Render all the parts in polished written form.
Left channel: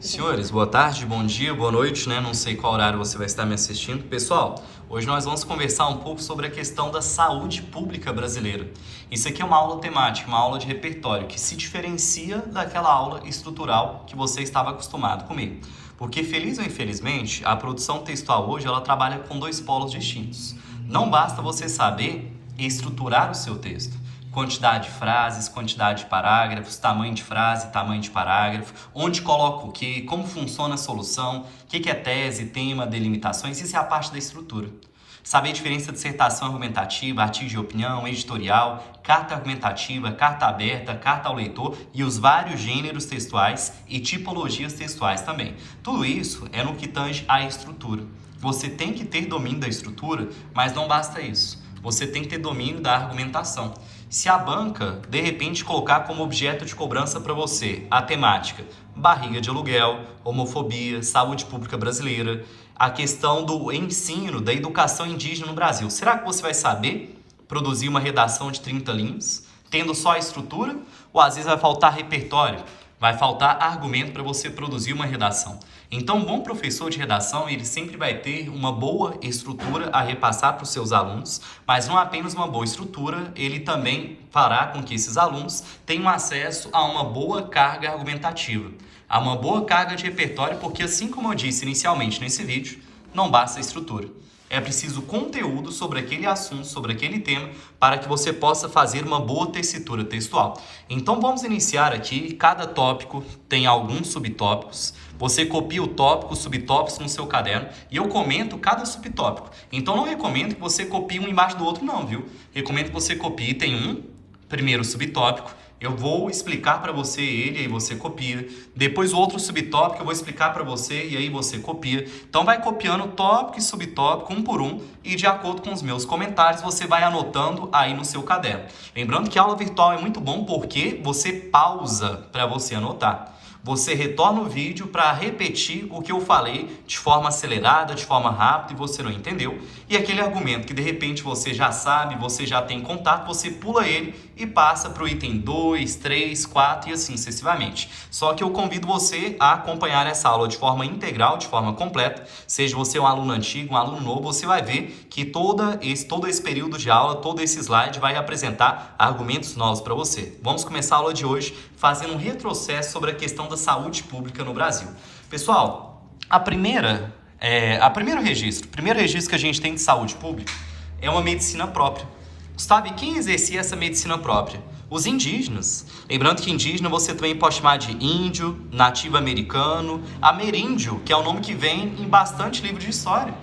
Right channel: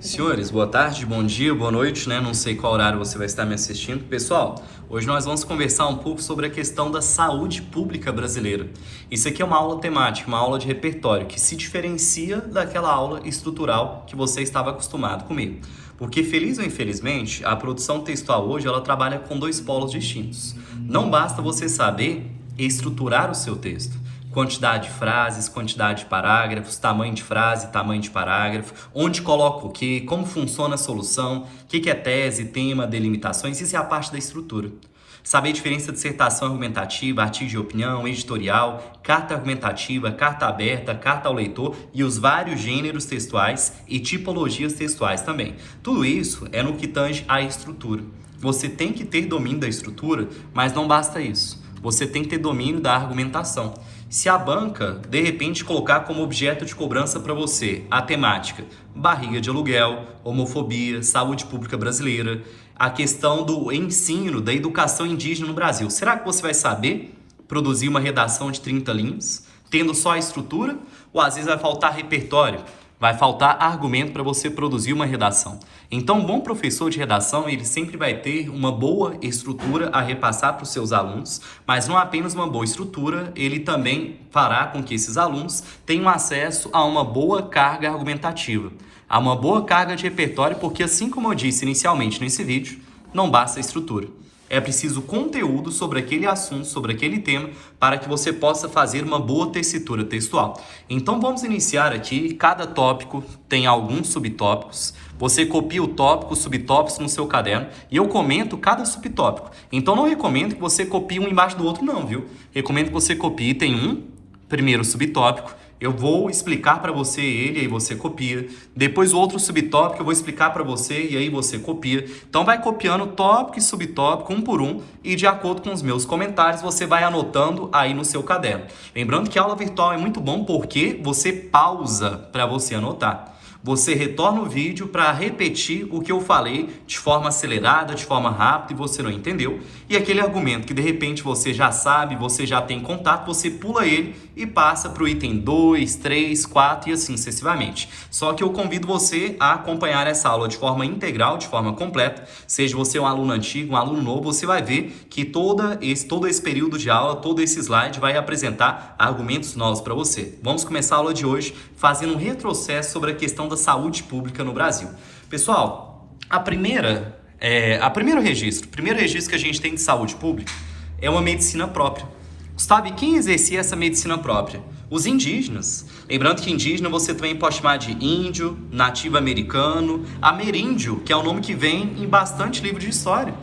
Senhores, boa tarde, bom dia, boa noite, né? Não sei qual horário você vai estar me assistindo. Pessoal, hoje nós vamos conversar um pouco sobre a questão da saúde pública brasileira. Isso aqui é uma aula temática, uma aula de repertório, que se diferencia daquela aula estrutural que você estava acostumado comigo. Porque, feliz ou infelizmente, a produção textual hoje, ela trabalha com dois polos distintos. Não basta você saber estruturar o seu texto. Quantidade de frases, quantidade de parágrafos, tamanho de frase, tamanho de parágrafo, onde coloca o quê, como funciona a solução, o que é tese, tema, delimitações, isso é a parte da estrutura. Saber a diferença de dissertação argumentativa, artigo de opinião, editorial, carta argumentativa, carta aberta, carta ao leitor e os vários gêneros textuais e tipologias textuais também. Tudo isso é no que tange à estrutura. Você tem que ter domínio da estrutura, mas não basta isso. Você tem que ter domínio da argumentação. Se a banca, de repente, colocar como objeto de cobrança para você a temática barriga de aluguel, homofobia, saúde pública brasileira, a questão do ensino, da educação indígena no Brasil, será que você vai saber produzir uma redação de 30 linhas, tendo só a estrutura? Ou às vezes vai faltar repertório, vai faltar argumento para você produzir uma redação? Então, um bom professor de redação, ele sempre vai ter uma boa estrutura a repassar para os seus alunos, mas não apenas uma boa estrutura, ele também fará com que esses alunos tenham acesso a uma boa carga argumentativa, a uma boa carga de repertório, porque assim como eu disse inicialmente nesse vídeo, não basta a estrutura. É preciso conteúdo sobre aquele assunto, sobre aquele tema, para que você possa fazer uma boa tessitura textual. Então vamos iniciar aqui, cada tópico tem alguns subtópicos. Você copia o tópico, os subtópicos no seu caderno e eu comento cada subtópico. Então não recomendo que você copie um embaixo do outro não, viu? Recomendo que você copie, tem um primeiro subtópico, eu vou explicar para você ele, aí você copia. Depois o outro subtópico eu vou explicar para você e aí você copia. Então vai copiando tópico e subtópico um por um e de acordo com os meus comentários você vai anotando aí no seu caderno. Lembrando que a aula virtual é muito bom porque você pausa para você anotar. Você retorna o vídeo para repetir o que eu falei de forma acelerada, de forma rápida e você não entendeu. E aquele argumento que de repente você já sabe, você já tem contato, você pula ele e passa para o item 2, 3, 4 e assim sucessivamente. Só que eu convido você a acompanhar essa aula de forma integral, de forma completa. Seja você um aluno antigo, um aluno novo, você vai ver que todo esse período de aula, todo esse slide vai apresentar argumentos novos para você. Vamos começar a aula de hoje fazendo um retrocesso sobre a questão da saúde pública no Brasil. Pessoal, o primeiro registro que a gente tem de saúde pública é uma medicina própria. Gustavo, e quem exercia essa medicina própria? Os indígenas. Lembrando que indígena você também pode chamar de índio, nativo americano, ameríndio, que é o nome que vem em bastante livro de história.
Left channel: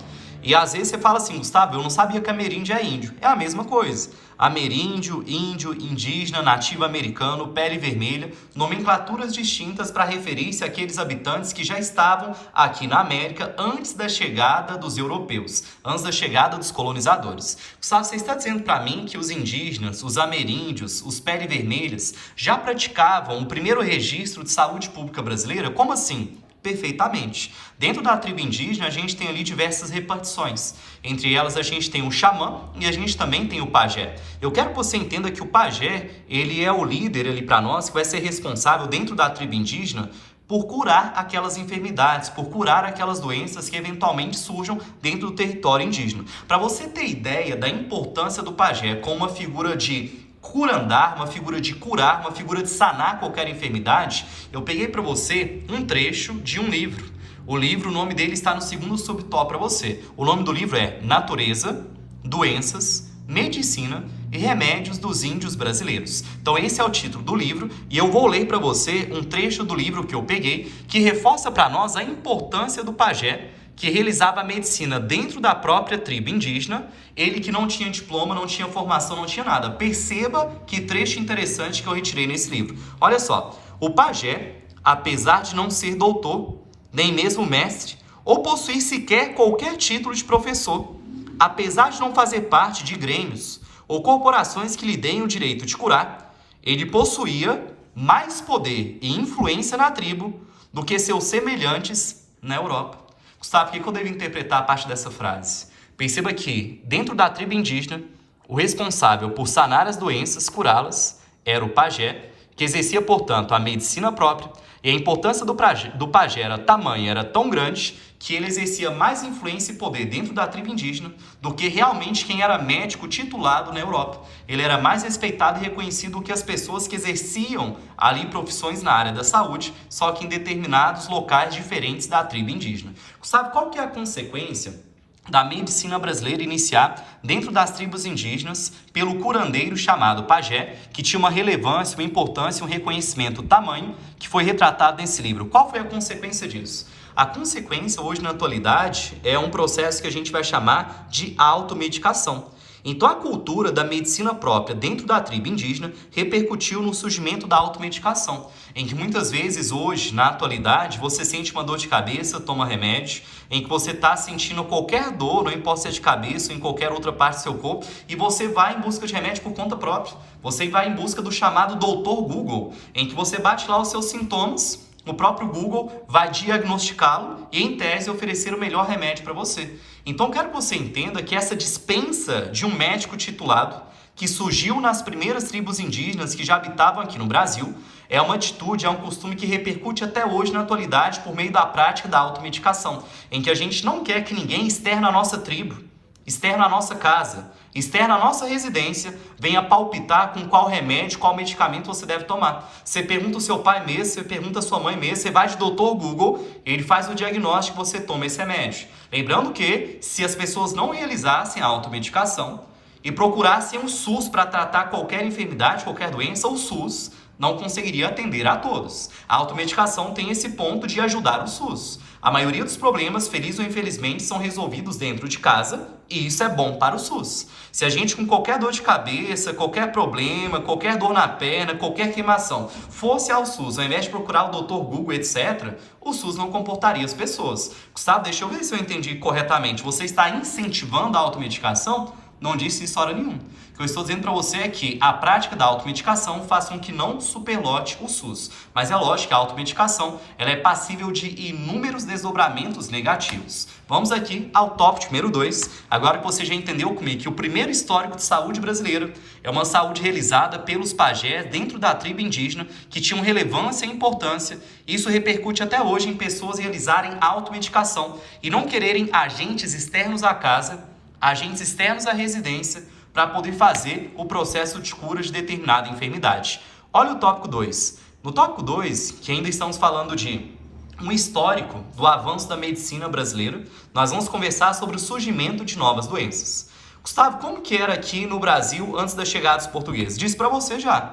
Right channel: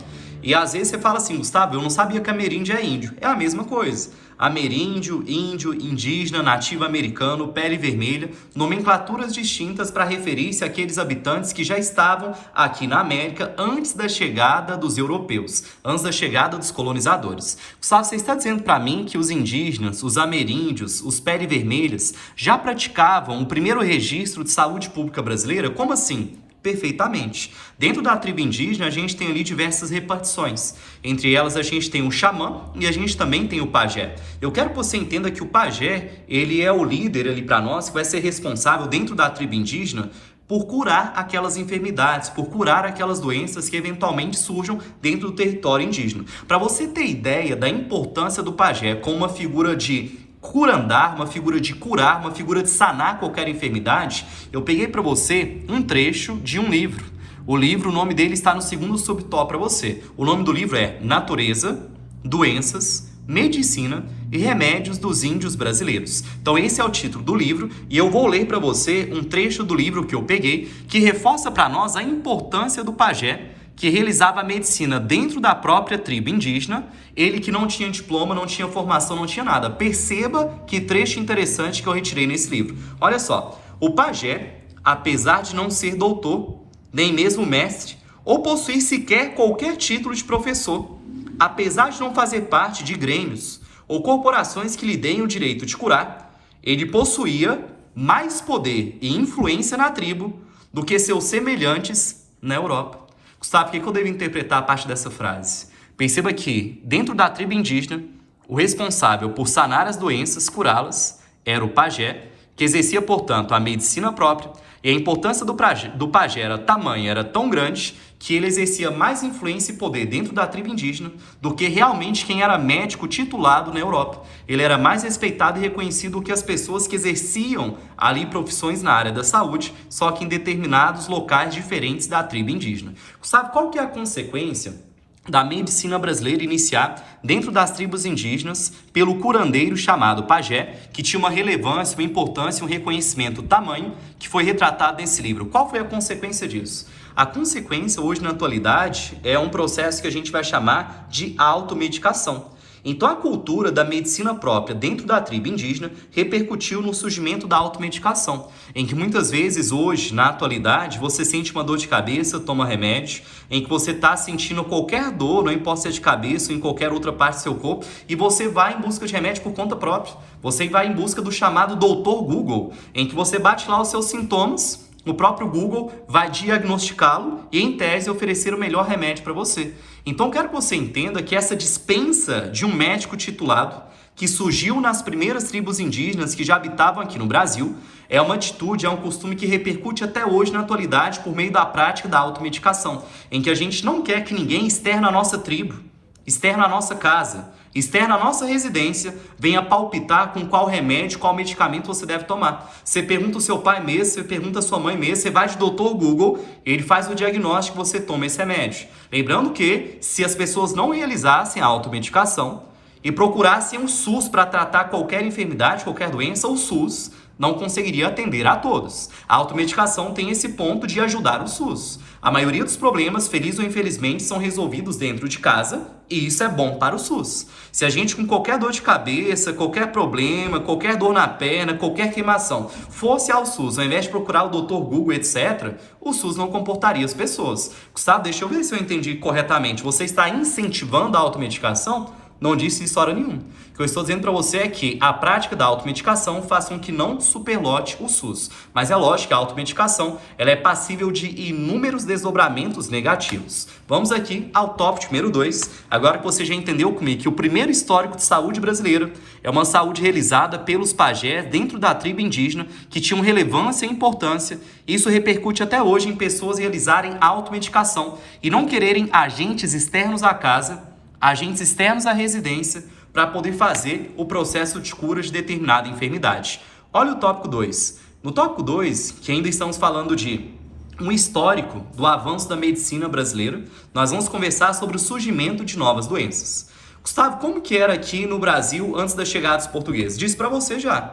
E às vezes você fala assim, Gustavo, eu não sabia que ameríndio é índio. É a mesma coisa. Ameríndio, índio, indígena, nativo americano, pele vermelha, nomenclaturas distintas para referir-se àqueles habitantes que já estavam aqui na América antes da chegada dos europeus, antes da chegada dos colonizadores. Gustavo, você está dizendo para mim que os indígenas, os ameríndios, os pele vermelhas já praticavam o primeiro registro de saúde pública brasileira? Como assim? Perfeitamente. Dentro da tribo indígena, a gente tem ali diversas repartições. Entre elas, a gente tem o xamã e a gente também tem o pajé. Eu quero que você entenda que o pajé, ele é o líder ali para nós, que vai ser responsável dentro da tribo indígena por curar aquelas enfermidades, por curar aquelas doenças que eventualmente surjam dentro do território indígena. Para você ter ideia da importância do pajé como uma figura de curandar, uma figura de curar, uma figura de sanar qualquer enfermidade, eu peguei para você um trecho de um livro. O livro, o nome dele está no segundo subtópico para você. O nome do livro é Natureza, Doenças, Medicina e Remédios dos Índios Brasileiros. Então esse é o título do livro e eu vou ler para você um trecho do livro que eu peguei que reforça para nós a importância do pajé que realizava a medicina dentro da própria tribo indígena, ele que não tinha diploma, não tinha formação, não tinha nada. Perceba que trecho interessante que eu retirei nesse livro. Olha só, o pajé, apesar de não ser doutor, nem mesmo mestre, ou possuir sequer qualquer título de professor, apesar de não fazer parte de grêmios ou corporações que lhe deem o direito de curar, ele possuía mais poder e influência na tribo do que seus semelhantes na Europa. Gustavo, o que eu devo interpretar a parte dessa frase? Perceba que, dentro da tribo indígena, o responsável por sanar as doenças, curá-las, era o pajé, que exercia, portanto, a medicina própria E a importância do pajé era tamanha, era tão grande, que ele exercia mais influência e poder dentro da tribo indígena do que realmente quem era médico titulado na Europa. Ele era mais respeitado e reconhecido do que as pessoas que exerciam ali profissões na área da saúde, só que em determinados locais diferentes da tribo indígena. Sabe qual que é a consequência da medicina brasileira iniciar dentro das tribos indígenas pelo curandeiro chamado pajé, que tinha uma relevância, uma importância, um reconhecimento tamanho, que foi retratado nesse livro? Qual foi a consequência disso? A consequência, hoje na atualidade, é um processo que a gente vai chamar de automedicação. Então, a cultura da medicina própria dentro da tribo indígena repercutiu no surgimento da automedicação, em que muitas vezes, hoje, na atualidade, você sente uma dor de cabeça, toma remédio, em que você está sentindo qualquer dor, não importa se é de cabeça ou em qualquer outra parte do seu corpo, e você vai em busca de remédio por conta própria. Você vai em busca do chamado doutor Google, em que você bate lá os seus sintomas, o próprio Google vai diagnosticá-lo e, em tese, oferecer o melhor remédio para você. Então, quero que você entenda que essa dispensa de um médico titulado, que surgiu nas primeiras tribos indígenas que já habitavam aqui no Brasil, é uma atitude, é um costume que repercute até hoje na atualidade por meio da prática da automedicação, em que a gente não quer que ninguém externo a nossa tribo, externo a nossa casa, externo à nossa residência, venha palpitar com qual remédio, qual medicamento você deve tomar. Você pergunta o seu pai mesmo, você pergunta a sua mãe mesmo, você vai de doutor Google, ele faz o diagnóstico e você toma esse remédio. Lembrando que, se as pessoas não realizassem a automedicação e procurassem o SUS para tratar qualquer enfermidade, qualquer doença, o SUS não conseguiria atender a todos. A automedicação tem esse ponto de ajudar o SUS. A maioria dos problemas, feliz ou infelizmente, são resolvidos dentro de casa e isso é bom para o SUS. Se a gente com qualquer dor de cabeça, qualquer problema, qualquer dor na perna, qualquer queimação, fosse ao SUS, ao invés de procurar o Dr. Google, etc., o SUS não comportaria as pessoas. Gustavo, deixa eu ver se eu entendi corretamente. Você está incentivando a automedicação? Não disse isso hora nenhuma. O que eu estou dizendo para você é que a prática da automedicação faz com que não superlote o SUS. Mas é lógico que a automedicação ela é passível de inúmeros desdobramentos negativos. Vamos aqui ao tópico número 2. Agora que você já entendeu comigo que o primeiro histórico de saúde brasileira é uma saúde realizada pelos pajés dentro da tribo indígena que tinham relevância e importância. Isso repercute até hoje em pessoas realizarem automedicação e não quererem agentes externos à casa, agentes externos à residência, para poder fazer o processo de cura de determinada enfermidade. Olha o tópico 2. No tópico 2, que ainda estamos falando de um histórico do avanço da medicina brasileira, nós vamos conversar sobre o surgimento de novas doenças. Gustavo, como que era aqui no Brasil antes da chegada dos portugueses? Disse para você já.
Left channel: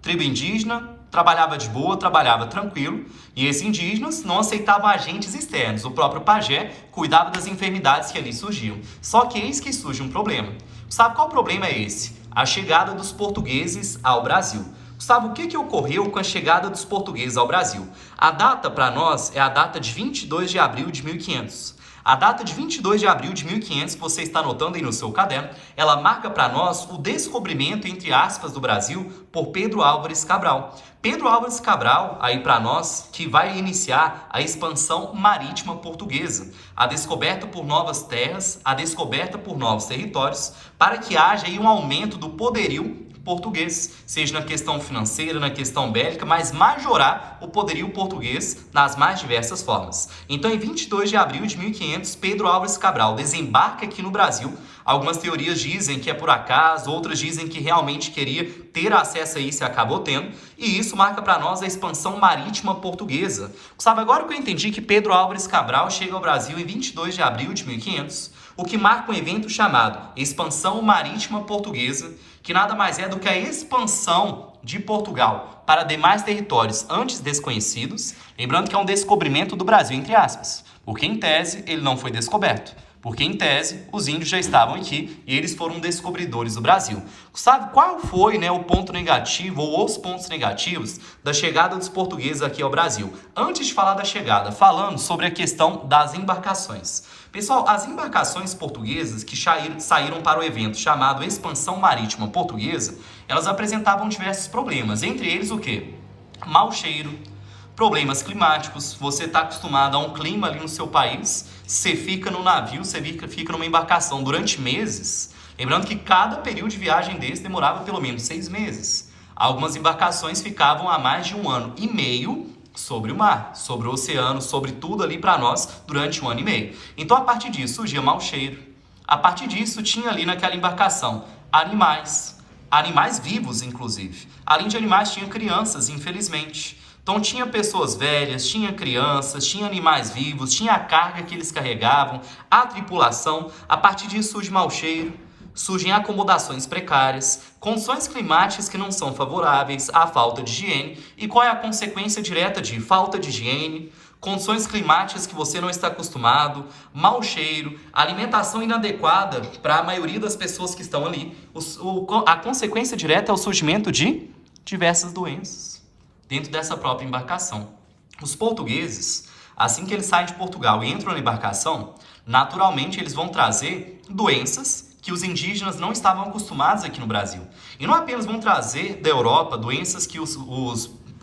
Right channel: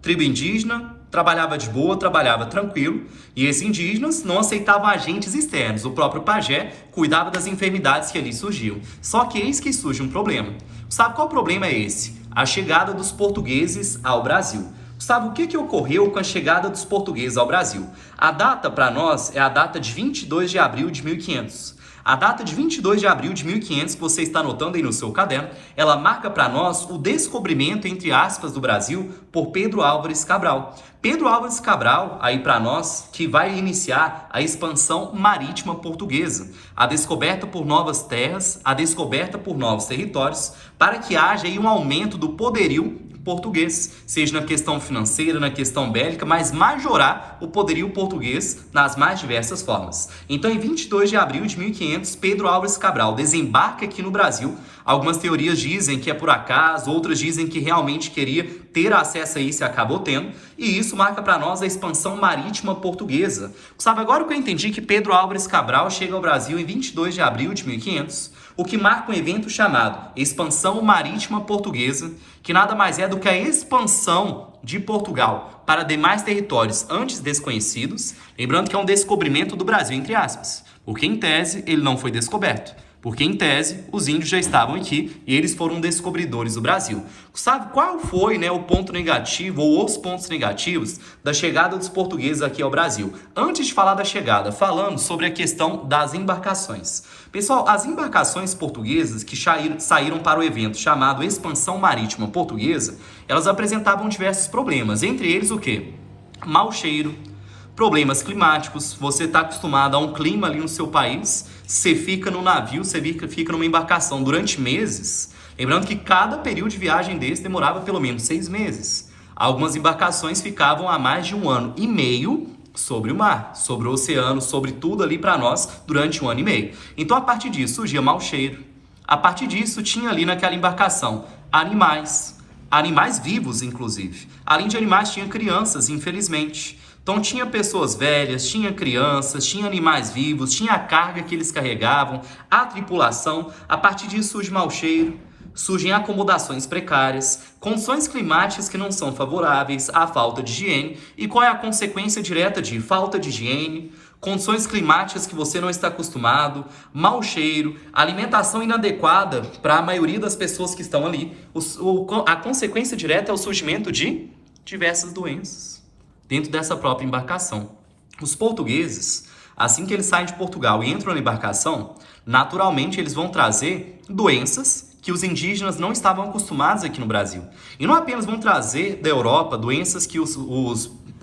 Tribo indígena, trabalhava de boa, trabalhava tranquilo, e esses indígenas não aceitavam agentes externos. O próprio pajé cuidava das enfermidades que ali surgiam. Só que eis que surge um problema. Sabe qual problema é esse? A chegada dos portugueses ao Brasil. Sabe o que ocorreu com a chegada dos portugueses ao Brasil? A data para nós é a data de 22 de abril de 1500. A data de 22 de abril de 1500, que você está anotando aí no seu caderno, ela marca para nós o descobrimento, entre aspas, do Brasil por Pedro Álvares Cabral. Pedro Álvares Cabral, aí para nós, que vai iniciar a expansão marítima portuguesa, a descoberta por novas terras, a descoberta por novos territórios, para que haja aí um aumento do poderio português, seja na questão financeira, na questão bélica, mas majorar o poderio português nas mais diversas formas. Então, em 22 de abril de 1500, Pedro Álvares Cabral desembarca aqui no Brasil. Algumas teorias dizem que é por acaso, outras dizem que realmente queria ter acesso a isso e acabou tendo, e isso marca para nós a expansão marítima portuguesa. Sabe, agora que eu entendi que Pedro Álvares Cabral chega ao Brasil em 22 de abril de 1500, o que marca um evento chamado Expansão Marítima Portuguesa, que nada mais é do que a expansão de Portugal para demais territórios antes desconhecidos, lembrando que é um descobrimento do Brasil, entre aspas, porque em tese ele não foi descoberto. Porque, em tese, os índios já estavam aqui e eles foram descobridores do Brasil. Sabe qual foi, o ponto negativo ou os pontos negativos da chegada dos portugueses aqui ao Brasil? Antes de falar da chegada, falando sobre a questão das embarcações. Pessoal, as embarcações portuguesas que saíram para o evento chamado Expansão Marítima Portuguesa, elas apresentavam diversos problemas. Entre eles, o quê? Mau cheiro, problemas climáticos. Você está acostumado a um clima ali no seu país, você fica no navio, você fica numa embarcação durante meses. Lembrando que cada período de viagem desse demorava pelo menos 6 meses. Algumas embarcações ficavam há mais de 1 ano e meio Sobre o mar, sobre o oceano, sobre tudo ali para nós durante 1 ano e meio. Então, a partir disso, surgia mau cheiro. A partir disso, tinha ali naquela embarcação animais vivos, inclusive. Além de animais, tinha crianças, infelizmente. Então, tinha pessoas velhas, tinha crianças, tinha animais vivos, tinha a carga que eles carregavam, a tripulação. A partir disso, surge mau cheiro, surgem acomodações precárias, condições climáticas que não são favoráveis, à falta de higiene. E qual é a consequência direta de falta de higiene? Condições climáticas que você não está acostumado, mau cheiro, alimentação inadequada para a maioria das pessoas que estão ali. A consequência direta é o surgimento de diversas doenças dentro dessa própria embarcação. Os portugueses, assim que eles saem de Portugal e entram na embarcação, naturalmente eles vão trazer doenças que os indígenas não estavam acostumados aqui no Brasil. E não apenas vão trazer da Europa doenças que eu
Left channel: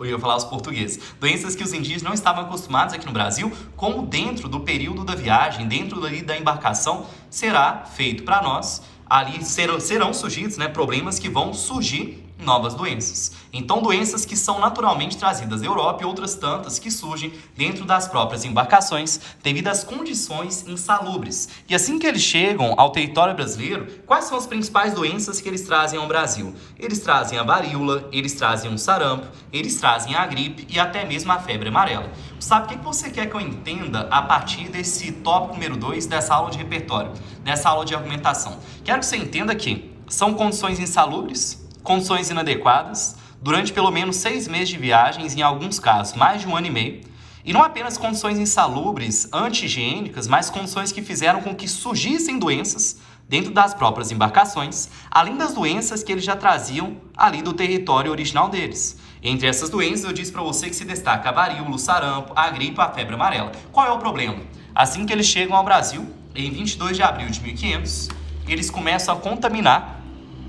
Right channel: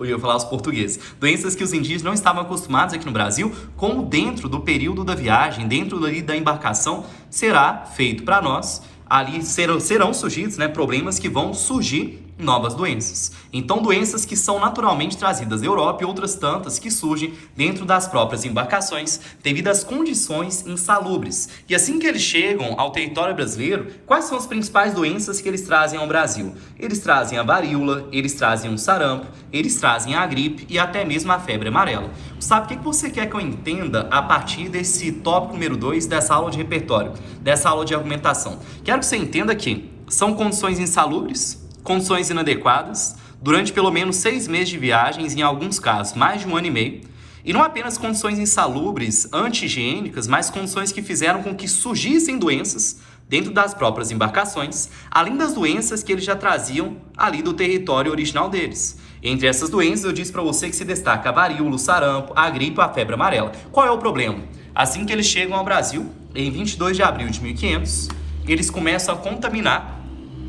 ia falar os portugueses, doenças que os indígenas não estavam acostumados aqui no Brasil, como dentro do período da viagem, dentro ali da embarcação, será feito para nós, ali serão surgidos, né, problemas que vão surgir novas doenças. Então, doenças que são naturalmente trazidas da Europa e outras tantas que surgem dentro das próprias embarcações devido às condições insalubres. E assim que eles chegam ao território brasileiro, quais são as principais doenças que eles trazem ao Brasil? Eles trazem a varíola, eles trazem o sarampo, eles trazem a gripe e até mesmo a febre amarela. Sabe o que você quer que eu entenda a partir desse tópico número 2 dessa aula de repertório, dessa aula de argumentação? Quero que você entenda que são condições insalubres, condições inadequadas, durante pelo menos 6 meses de viagens, em alguns casos mais de 1 ano e meio, e não apenas condições insalubres, anti-higiênicas, mas condições que fizeram com que surgissem doenças dentro das próprias embarcações, além das doenças que eles já traziam ali do território original deles. Entre essas doenças, eu disse para você que se destaca a varíola, o sarampo, a gripe e a febre amarela. Qual é o problema? Assim que eles chegam ao Brasil, em 22 de abril de 1500, eles começam a contaminar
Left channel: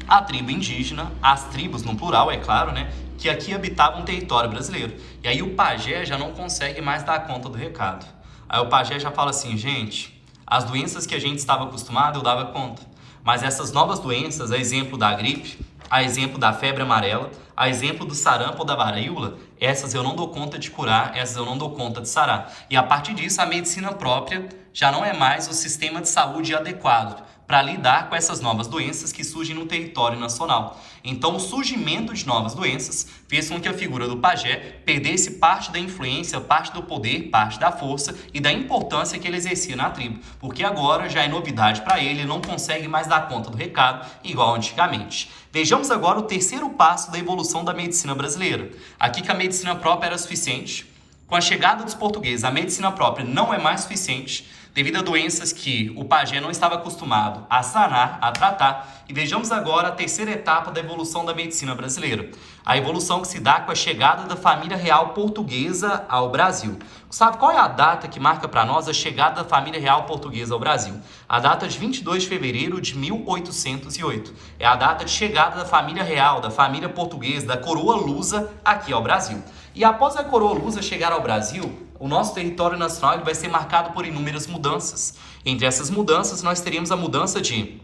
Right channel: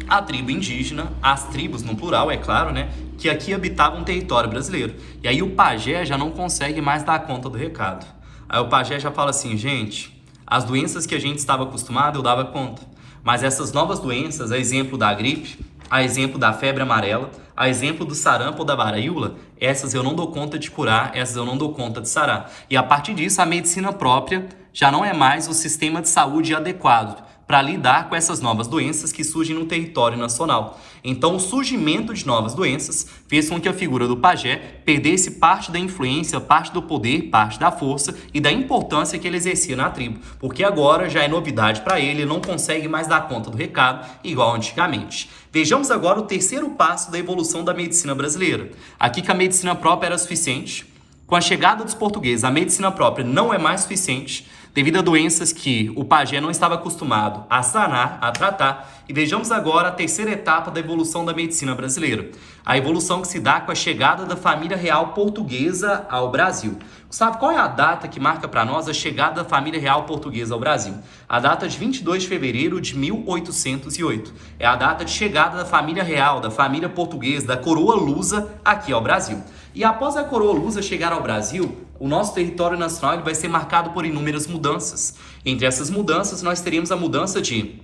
a tribo indígena, as tribos no plural, é claro, né, que aqui habitavam o território brasileiro. E aí o pajé já não consegue mais dar conta do recado. Aí o pajé já fala assim, gente, as doenças que a gente estava acostumado eu dava conta, mas essas novas doenças, a exemplo da gripe, a exemplo da febre amarela, a exemplo do sarampo ou da varíola, essas eu não dou conta de curar, essas eu não dou conta de sarar. E a partir disso, a medicina própria já não é mais o sistema de saúde adequado para lidar com essas novas doenças que surgem no território nacional. Então, o surgimento de novas doenças fez com que a figura do pajé perdesse parte da influência, parte do poder, parte da força e da importância que ele exercia na tribo, porque agora já é novidade para ele, ele não consegue mais dar conta do recado igual antigamente. Vejamos agora o terceiro passo da evolução da medicina brasileira. Aqui que a medicina própria era suficiente. Com a chegada dos portugueses, a medicina própria não é mais suficiente, devido a doenças que o pajé não estava acostumado a sanar, a tratar. E vejamos agora a terceira etapa da evolução da medicina brasileira. A evolução que se dá com a chegada da família real portuguesa ao Brasil. Sabe qual é a data que marca para nós a chegada da família real portuguesa ao Brasil? A data de 22 de fevereiro de 1808. É a data de chegada da família real, da família portuguesa, da coroa lusa aqui ao Brasil. E após a coroa lusa chegar ao Brasil, o nosso território nacional vai ser marcado por inúmeras mudanças. Entre essas mudanças, nós teríamos a mudança de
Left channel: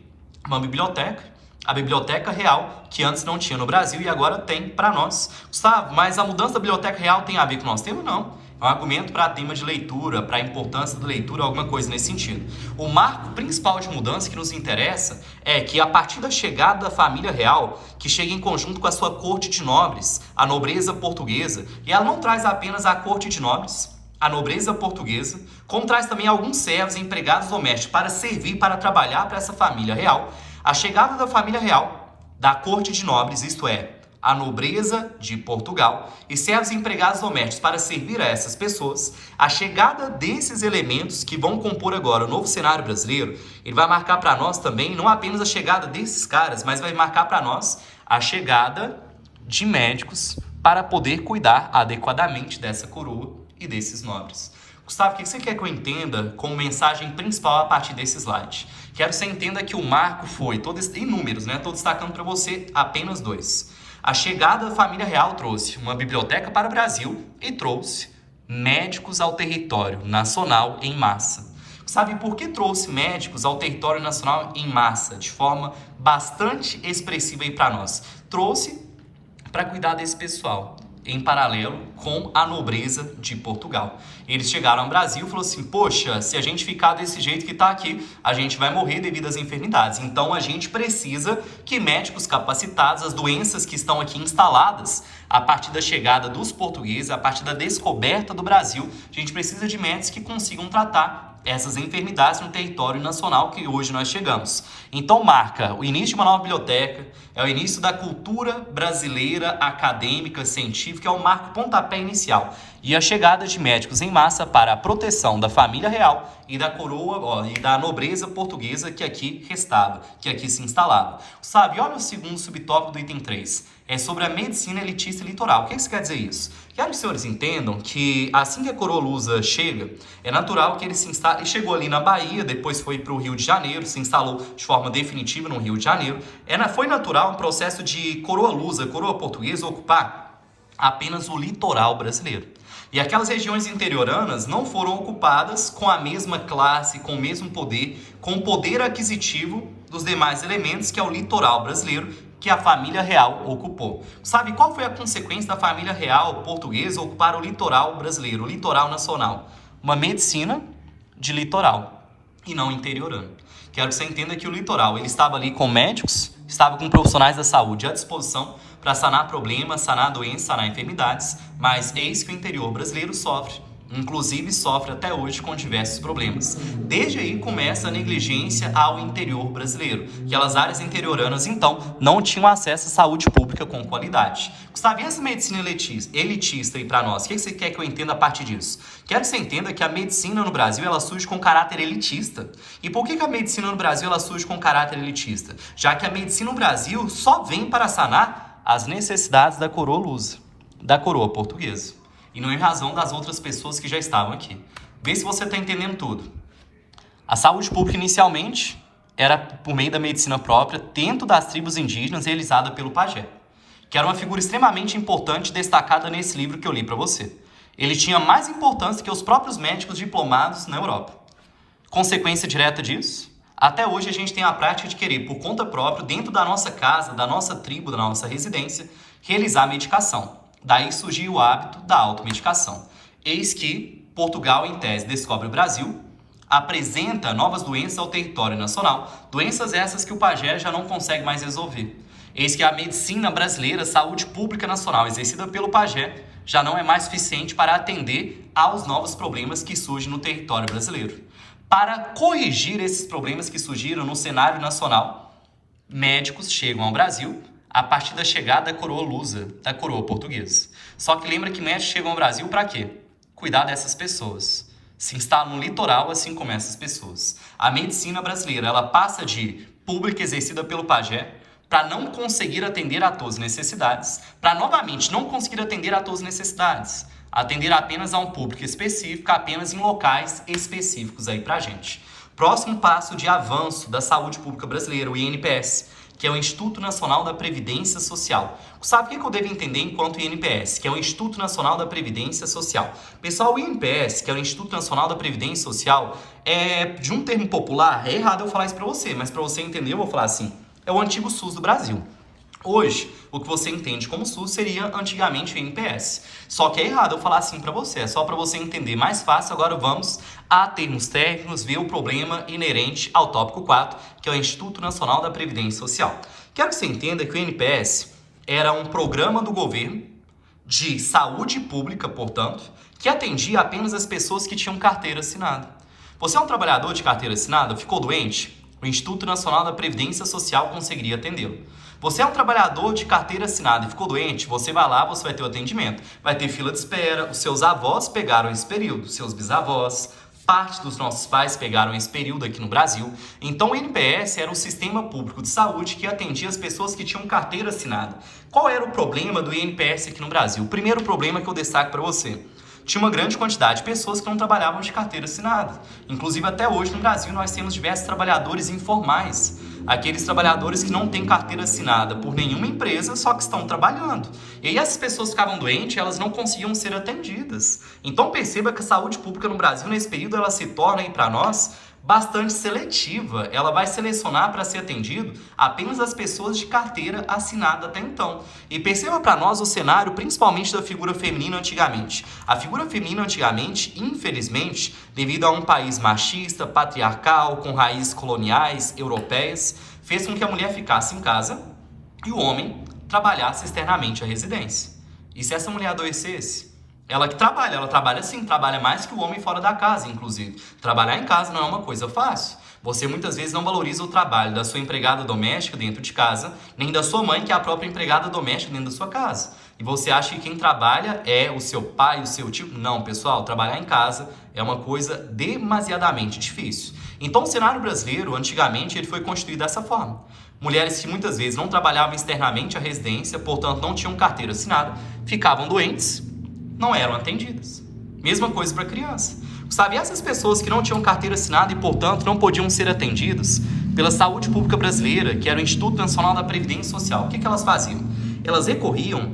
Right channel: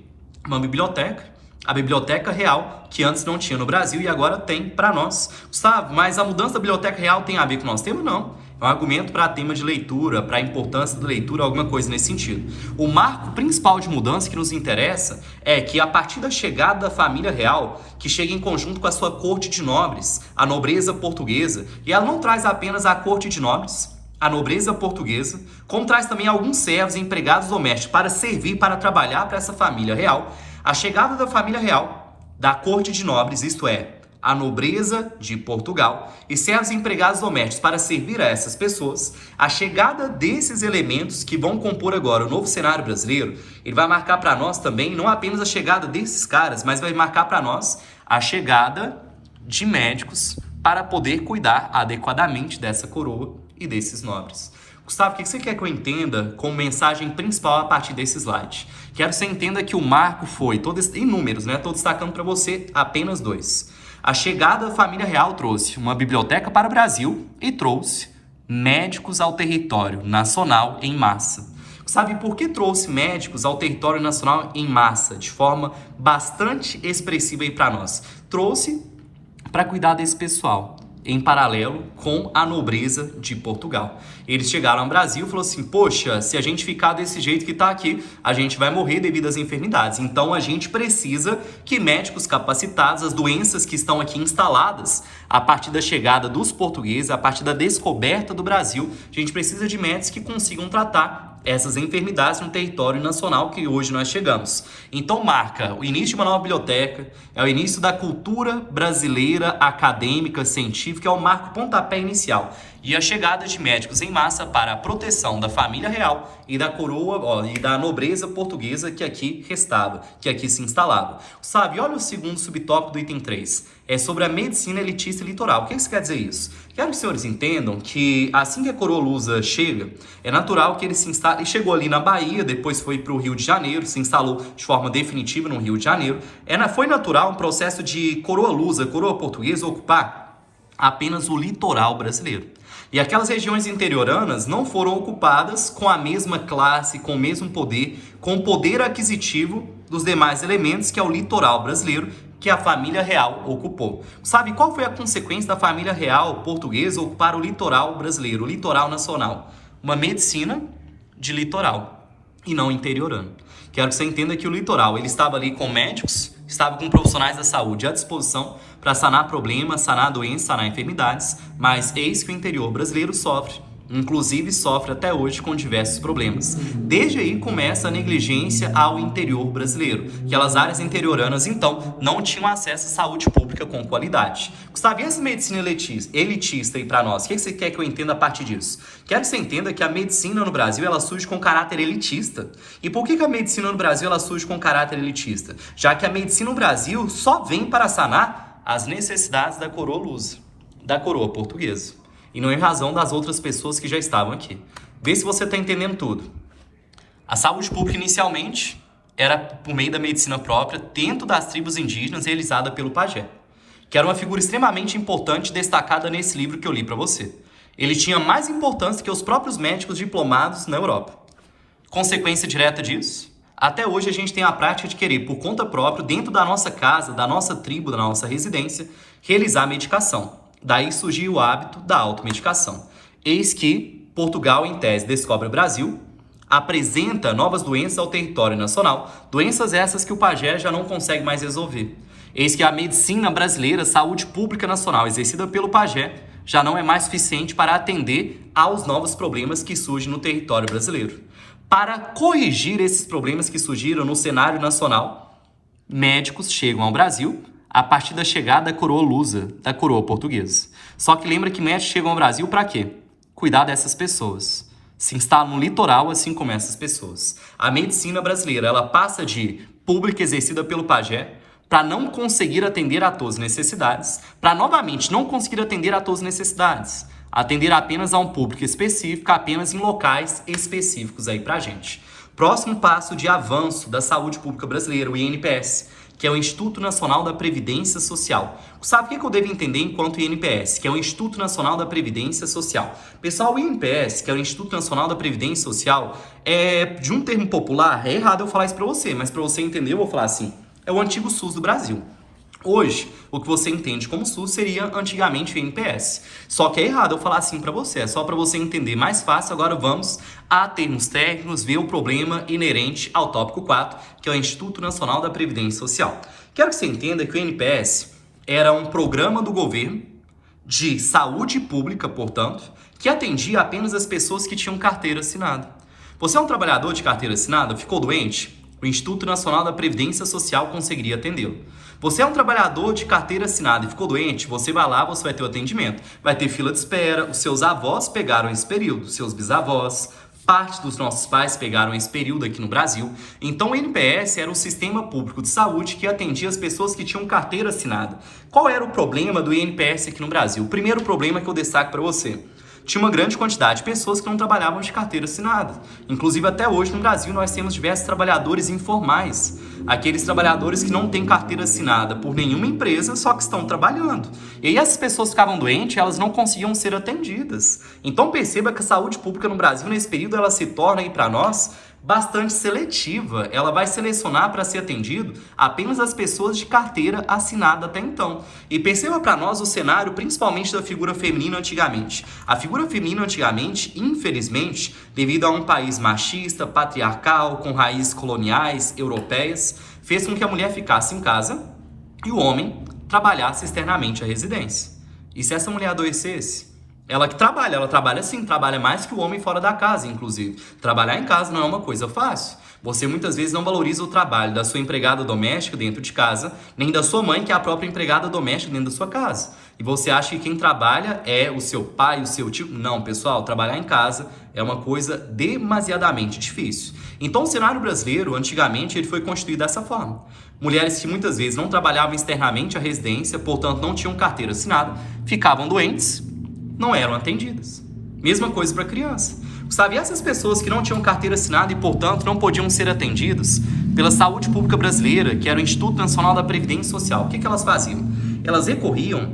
uma biblioteca, a Biblioteca Real, que antes não tinha no Brasil e agora tem para nós. Gustavo, mas a mudança da Biblioteca Real tem a ver com o nosso tema? Não. É um argumento para tema de leitura, para a importância da leitura, alguma coisa nesse sentido. O marco principal de mudança que nos interessa é que a partir da chegada da família real, que chega em conjunto com a sua corte de nobres, a nobreza portuguesa, e ela não traz apenas a corte de nobres, a nobreza portuguesa, como traz também alguns servos e empregados domésticos para servir, para trabalhar para essa família real. A chegada da família real, da corte de nobres, isto é, a nobreza de Portugal, e servos e empregados domésticos para servir a essas pessoas, a chegada desses elementos que vão compor agora o novo cenário brasileiro, ele vai marcar para nós também, não apenas a chegada desses caras, mas vai marcar para nós a chegada de médicos para poder cuidar adequadamente dessa coroa e desses nobres. Gustavo, o que você quer que eu entenda como mensagem principal a partir desse slide? Quero que você entenda que o marco foi, em números, né? Estou destacando para você apenas 2. A chegada da família real trouxe uma biblioteca para o Brasil e trouxe médicos ao território nacional em massa. Sabe por que trouxe médicos ao território nacional em massa, de forma bastante expressiva aí para nós? Trouxe para cuidar desse pessoal em paralelo com a nobreza de Portugal. Eles chegaram ao Brasil e falaram assim, poxa, se a gente ficar desse jeito que está aqui, a gente vai morrer devido às enfermidades. Então a gente precisa que médicos capacitados, as doenças que estão aqui instaladas, a partir da chegada dos portugueses, a partir da descoberta do Brasil, a gente precisa de médicos que consigam tratar essas enfermidades no território nacional que hoje nós chegamos. Então marca o início de uma nova biblioteca, é o início da cultura brasileira acadêmica, científica, é o marco pontapé inicial. E a chegada de médicos em massa para a proteção da família real e da coroa e da nobreza portuguesa que aqui restava, que aqui se instalava. Sabe, olha o segundo subtópico do item 3. É sobre a medicina elitista e litoral. O que isso quer dizer isso? Quero que os senhores entendam que assim que a coroa lusa chega, é natural que ele se instale. Ele chegou ali na Bahia, depois foi para o Rio de Janeiro, se instalou de forma definitiva no Rio de Janeiro. Foi natural um processo de coroa lusa, coroa portuguesa, ocupar apenas o litoral brasileiro. E aquelas regiões interioranas não foram ocupadas com a mesma classe, com o mesmo poder, com o poder aquisitivo dos demais elementos que é o litoral brasileiro, que a família real ocupou. Sabe qual foi a consequência da família real portuguesa ocupar o litoral brasileiro, o litoral nacional? Uma medicina de litoral e não interiorano. Quero que você entenda que o litoral, ele estava ali com médicos, estava com profissionais da saúde à disposição para sanar problemas, sanar doenças, sanar enfermidades, mas eis que o interior brasileiro sofre, inclusive sofre até hoje com diversos problemas. Desde aí começa a negligência ao interior brasileiro. Aquelas áreas interioranas, então, não tinham acesso à saúde pública com qualidade. Gustavo, e essa medicina elitista aí para nós? O que você quer que eu entenda a partir disso? Quero que você entenda que a medicina no Brasil, ela surge com caráter elitista. E por que a medicina no Brasil, ela surge com caráter elitista? Já que a medicina no Brasil só vem para sanar as necessidades da coroa lusa, da coroa portuguesa. E não em razão das outras pessoas que já estavam aqui. Vê se você está entendendo tudo. A saúde pública, inicialmente, era por meio da medicina própria, dentro das tribos indígenas, realizada pelo pajé, que era uma figura extremamente importante destacada nesse livro que eu li para você. Ele tinha mais importância que os próprios médicos diplomados na Europa. Consequência direta disso? Até hoje a gente tem a prática de querer, por conta própria, dentro da nossa casa, da nossa tribo, da nossa residência, realizar a medicação. Daí surgiu o hábito da automedicação. Eis que Portugal, em tese, descobre o Brasil, apresenta novas doenças ao território nacional, doenças essas que o pajé já não consegue mais resolver. Eis que a medicina brasileira, saúde pública nacional, exercida pelo pajé, já não é mais suficiente para atender aos novos problemas que surgem no território brasileiro. Para corrigir esses problemas que surgiram no cenário nacional, médicos chegam ao Brasil a partir da chegada da coroa lusa, da coroa portuguesa. Só que lembra que médicos chegam ao Brasil para quê? Cuidar dessas pessoas. Se instala no litoral, assim como essas pessoas. A medicina brasileira, ela passa de pública exercida pelo pajé para não conseguir atender a todas as necessidades, para novamente não conseguir atender a todas as necessidades, atender apenas a um público específico, apenas em locais específicos aí pra gente. Próximo passo de avanço da saúde pública brasileira, o INPS, que é o Instituto Nacional da Previdência Social. Sabe o que eu devo entender enquanto INPS, que é o Instituto Nacional da Previdência Social? Pessoal, o INPS, que é o Instituto Nacional da Previdência Social, de um termo popular, é errado eu falar isso para você, mas para você entender eu vou falar assim, é o antigo SUS do Brasil. Hoje, o que você entende como SUS seria antigamente o INPS. Só que é errado eu falar assim para você, é só para você entender mais fácil. Agora vamos a termos técnicos, ver o problema inerente ao tópico 4, que é o Instituto Nacional da Previdência Social. Quero que você entenda que o INPS era um programa do governo de saúde pública, portanto, que atendia apenas as pessoas que tinham carteira assinada. Você é um trabalhador de carteira assinada, ficou doente? O Instituto Nacional da Previdência Social conseguiria atendê-lo. Você é um trabalhador de carteira assinada e ficou doente, você vai lá, você vai ter o atendimento. Vai ter fila de espera, os seus avós pegaram esse período, seus bisavós, parte dos nossos pais pegaram esse período aqui no Brasil. Então o INPS era um sistema público de saúde que atendia as pessoas que tinham carteira assinada. Qual era o problema do INPS aqui no Brasil? O primeiro problema que eu destaco para você. Tinha uma grande quantidade de pessoas que não trabalhavam de carteira assinada. Inclusive, até hoje, no Brasil, nós temos diversos trabalhadores informais. Aqueles trabalhadores que não têm carteira assinada por nenhuma empresa, só que estão trabalhando. E aí essas pessoas ficavam doentes e elas não conseguiam ser atendidas. Então perceba que a saúde pública no Brasil, nesse período, ela se torna aí para nós bastante seletiva. Ela vai selecionar para ser atendido apenas as pessoas de carteira assinada até então. E perceba para nós o cenário, principalmente da figura feminina antigamente. A figura feminina antigamente, infelizmente, devido a um país machista, patriarcal, com raízes coloniais, europeias, fez com que a mulher ficasse em casa e o homem trabalhasse externamente a residência. E se essa mulher adoecesse? Ela trabalha sim, trabalha mais que o homem fora da casa, inclusive. Trabalhar em casa não é uma coisa fácil. Você muitas vezes não valoriza o trabalho da sua empregada doméstica dentro de casa, nem da sua mãe, que é a própria empregada doméstica dentro da sua casa. E você acha que quem trabalha é o seu pai, o seu tio? Não, pessoal, trabalhar em casa é uma coisa demasiadamente difícil. Então, o cenário brasileiro, antigamente, ele foi constituído dessa forma. Mulheres que muitas vezes não trabalhavam externamente a residência, portanto não tinham carteira assinada, ficavam doentes, não eram atendidas. Mesma coisa para criança. Sabe, essas pessoas que não tinham carteira assinada e, portanto, não podiam ser atendidas pela saúde pública brasileira, que era o Instituto Nacional da Previdência Social, o que elas faziam? Elas recorriam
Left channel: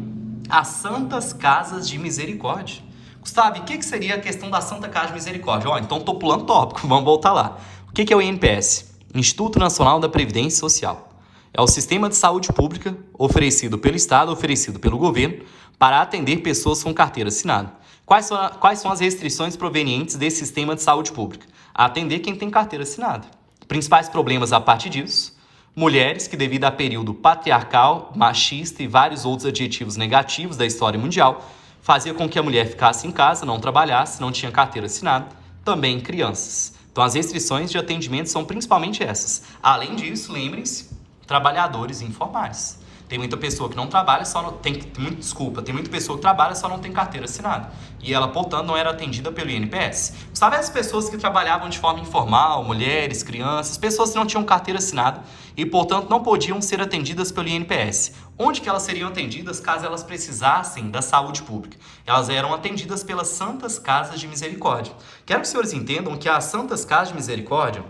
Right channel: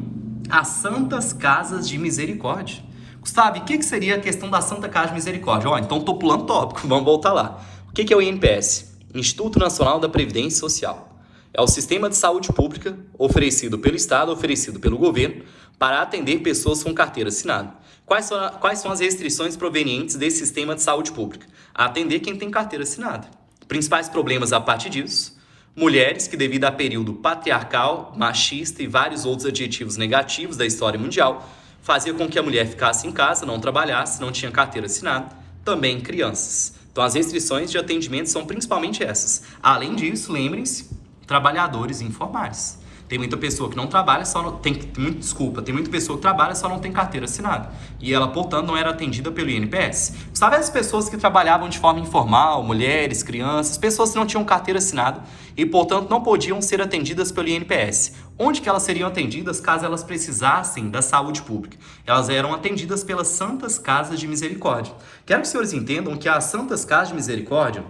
às Santas Casas de Misericórdia. Gustavo, o que seria a questão da Santa Casa de Misericórdia? Então estou pulando tópico, vamos voltar lá. O que é o INPS? Instituto Nacional da Previdência Social. É o sistema de saúde pública oferecido pelo Estado, oferecido pelo governo, para atender pessoas com carteira assinada. Quais são as restrições provenientes desse sistema de saúde pública? Atender quem tem carteira assinada. Principais problemas a partir disso: mulheres que, devido a período patriarcal, machista e vários outros adjetivos negativos da história mundial, fazia com que a mulher ficasse em casa, não trabalhasse, não tinha carteira assinada. Também crianças. Então, as restrições de atendimento são principalmente essas. Além disso, lembrem-se, trabalhadores informais. Tem muita pessoa que não trabalha, tem muita pessoa que trabalha, só não tem carteira assinada. E ela, portanto, não era atendida pelo INPS. Sabe as pessoas que trabalhavam de forma informal, mulheres, crianças, pessoas que não tinham carteira assinada e, portanto, não podiam ser atendidas pelo INPS. Onde que elas seriam atendidas caso elas precisassem da saúde pública? Elas eram atendidas pelas Santas Casas de Misericórdia. Quero que os senhores entendam que as Santas Casas de Misericórdia,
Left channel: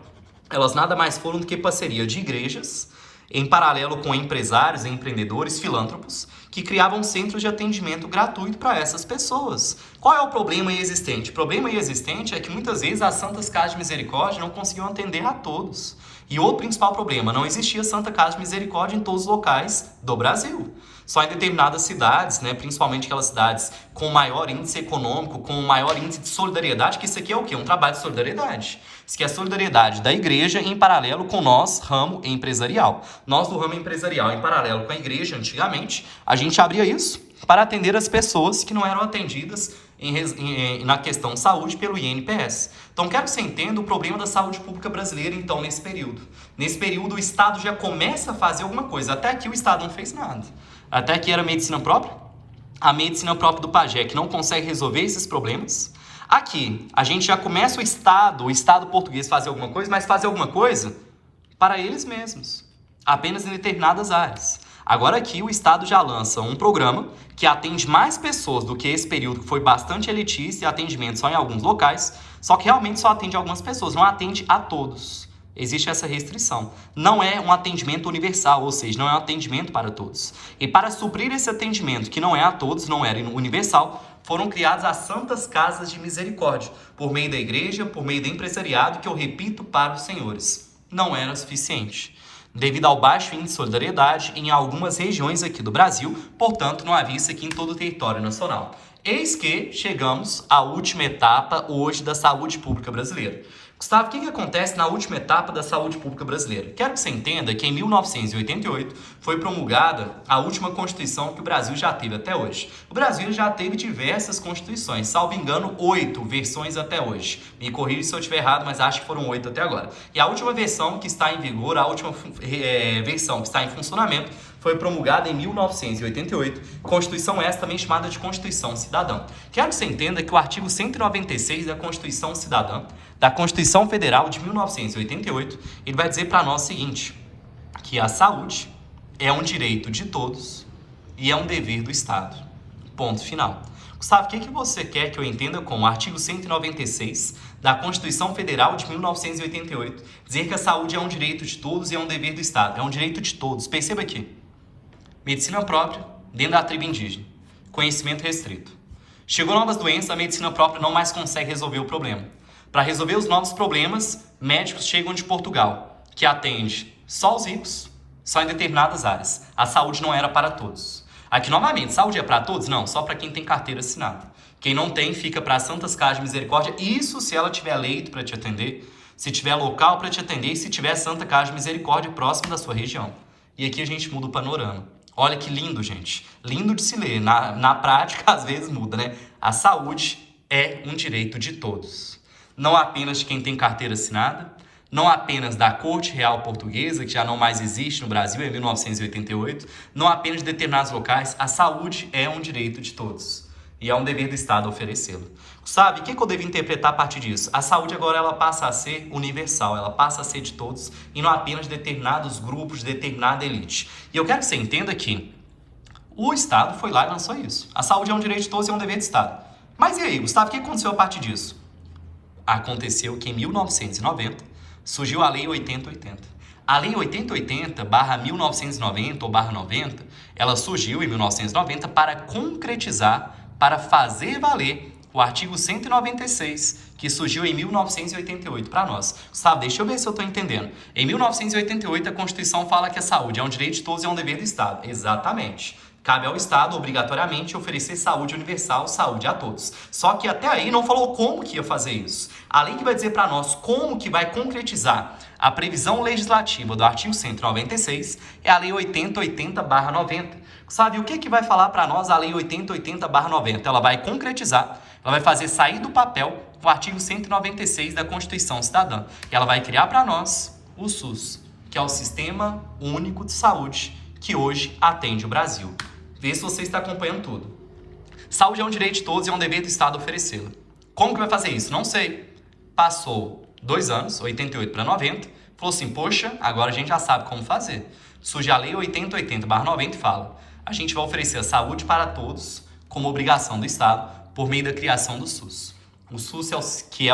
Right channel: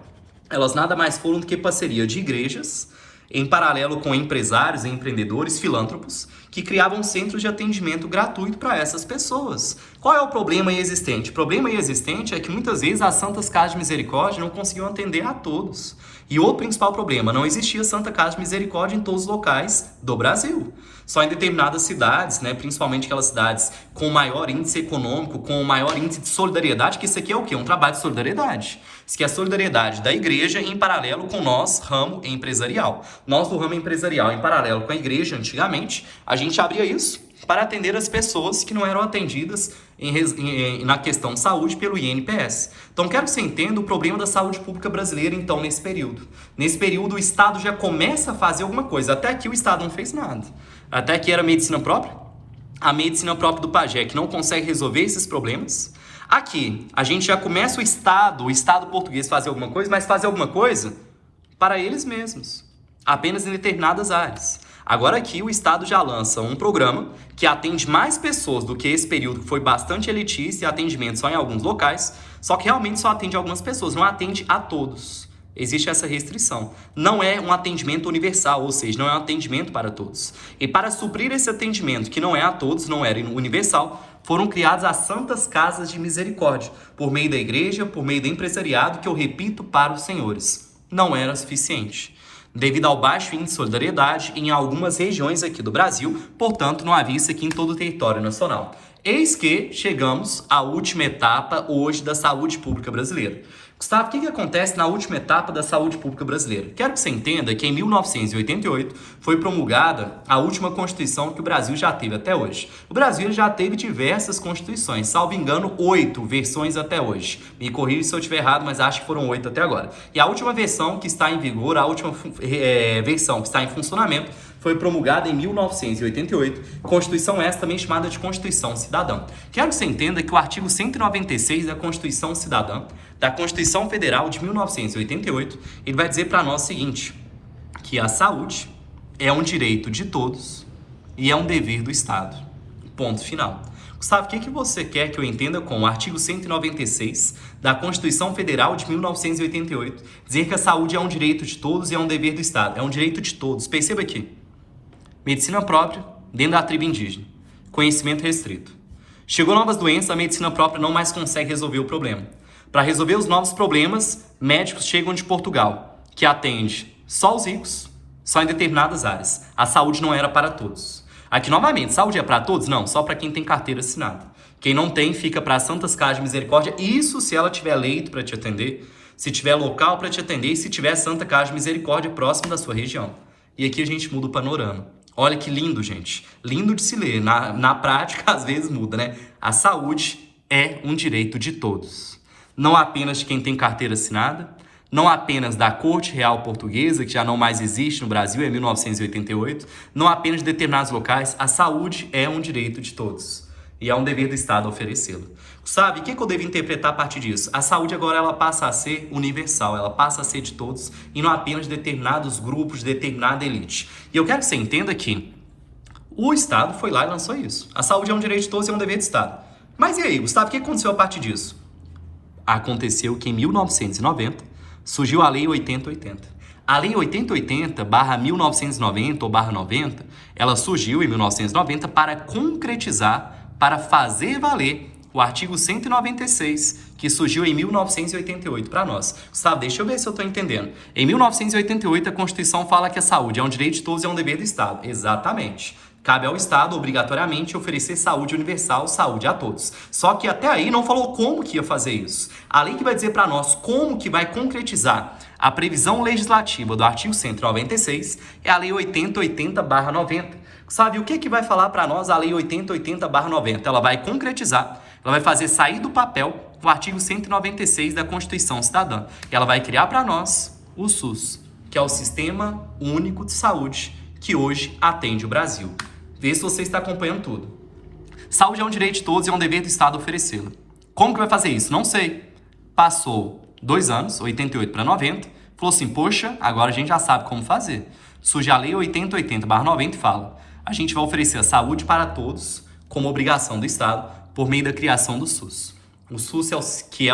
elas nada mais foram do que parceria de igrejas, em paralelo com empresários, empreendedores, filântropos, que criavam centros de atendimento gratuito para essas pessoas. Qual é o problema existente? O problema existente é que muitas vezes as Santas Casas de Misericórdia não conseguiam atender a todos. E outro principal problema, não existia Santa Casa de Misericórdia em todos os locais do Brasil. Só em determinadas cidades, principalmente aquelas cidades com maior índice econômico, com maior índice de solidariedade, que isso aqui é o quê? Um trabalho de solidariedade. Isso aqui é a solidariedade da igreja em paralelo com nós, ramo empresarial. Nós do ramo empresarial, em paralelo com a igreja, antigamente, a gente abria isso para atender as pessoas que não eram atendidas na questão saúde pelo INPS. Então, quero que você entenda o problema da saúde pública brasileira, então, nesse período. Nesse período, o Estado já começa a fazer alguma coisa. Até aqui, o Estado não fez nada. Até aqui era medicina própria. A medicina própria do pajé, que não consegue resolver esses problemas. Aqui, a gente já começa o Estado português fazer alguma coisa, mas fazer alguma coisa para eles mesmos. Apenas em determinadas áreas. Agora aqui, o Estado já lança um programa que atende mais pessoas do que esse período, que foi bastante elitista e atendimento só em alguns locais, só que realmente só atende algumas pessoas, não atende a todos. Existe essa restrição. Não é um atendimento universal, ou seja, não é um atendimento para todos. E para suprir esse atendimento, que não é a todos, não era universal, foram criadas as Santas Casas de Misericórdia, por meio da igreja, por meio do empresariado, que eu repito para os senhores, não era suficiente. Devido ao baixo índice de solidariedade em algumas regiões aqui do Brasil, portanto, não havia isso aqui em todo o território nacional. Eis que chegamos à última etapa hoje da saúde pública brasileira. Gustavo, o que acontece na última etapa da saúde pública brasileira? Quero que você entenda que em 1988 foi promulgada a última Constituição que o Brasil já teve até hoje. O Brasil já teve diversas constituições, salvo engano, 8 versões até hoje. Me corrija se eu estiver errado, mas acho que foram 8 até agora. E a última versão que está em vigor, a última versão que está em funcionamento, foi promulgada em 1988, Constituição essa também chamada de Constituição Cidadã. Quero que você entenda que o artigo 196 da Constituição Cidadã, da Constituição Federal de 1988, ele vai dizer para nós o seguinte, que a saúde é um direito de todos e é um dever do Estado. Ponto final. Gustavo, o que você quer que eu entenda com o artigo 196 da Constituição Federal de 1988, dizer que a saúde é um direito de todos e é um dever do Estado? É um direito de todos. Perceba aqui. Medicina própria dentro da tribo indígena. Conhecimento restrito. Chegou novas doenças, a medicina própria não mais consegue resolver o problema. Para resolver os novos problemas, médicos chegam de Portugal, que atende só os ricos, só em determinadas áreas. A saúde não era para todos. Aqui, novamente, saúde é para todos? Não, só para quem tem carteira assinada. Quem não tem, fica para as Santas Casas de Misericórdia, isso se ela tiver leito para te atender, se tiver local para te atender e se tiver Santa Casa de Misericórdia próximo da sua região. E aqui a gente muda o panorama. Olha que lindo, gente. Lindo de se ler. Na prática, às vezes muda, né? A saúde é um direito de todos. Não apenas de quem tem carteira assinada, não apenas da Corte Real Portuguesa, que já não mais existe no Brasil, em 1988, não apenas de determinados locais, a saúde é um direito de todos. E é um dever do Estado oferecê-la. Sabe, o que eu devo interpretar a partir disso? A saúde agora ela passa a ser universal, ela passa a ser de todos e não apenas de determinados grupos, de determinada elite. E eu quero que você entenda que o Estado foi lá e lançou isso. A saúde é um direito de todos e é um dever do Estado. Mas e aí, Gustavo, o que aconteceu a partir disso? Aconteceu que em 1990 surgiu a Lei 8080. A Lei 8080/1990 ou /90, ela surgiu em 1990 para concretizar, para fazer valer o artigo 196, que surgiu em 1988 para nós. Sabe, deixa eu ver se eu estou entendendo. Em 1988, a Constituição fala que a saúde é um direito de todos e é um dever do Estado. Exatamente. Cabe ao Estado, obrigatoriamente, oferecer saúde universal, saúde a todos. Só que até aí não falou como que ia fazer isso. A lei que vai dizer para nós como que vai concretizar a previsão legislativa do artigo 196 é a Lei 8080/90. Sabe o que vai falar para nós a Lei 8080/90? Ela vai concretizar, ela vai fazer sair do papel o artigo 196 da Constituição Cidadã. Ela vai criar para nós o SUS, que é o Sistema Único de Saúde, que hoje atende o Brasil. Vê se você está acompanhando tudo. Saúde é um direito de todos e é um dever do Estado oferecê-la. Como que vai fazer isso? Não sei. Passou 2 anos, 88 para 90, falou assim, poxa, agora a gente já sabe como fazer. Surge a Lei 8080/90 e fala, a gente vai oferecer a saúde para todos como obrigação do Estado por meio da criação do SUS. O SUS é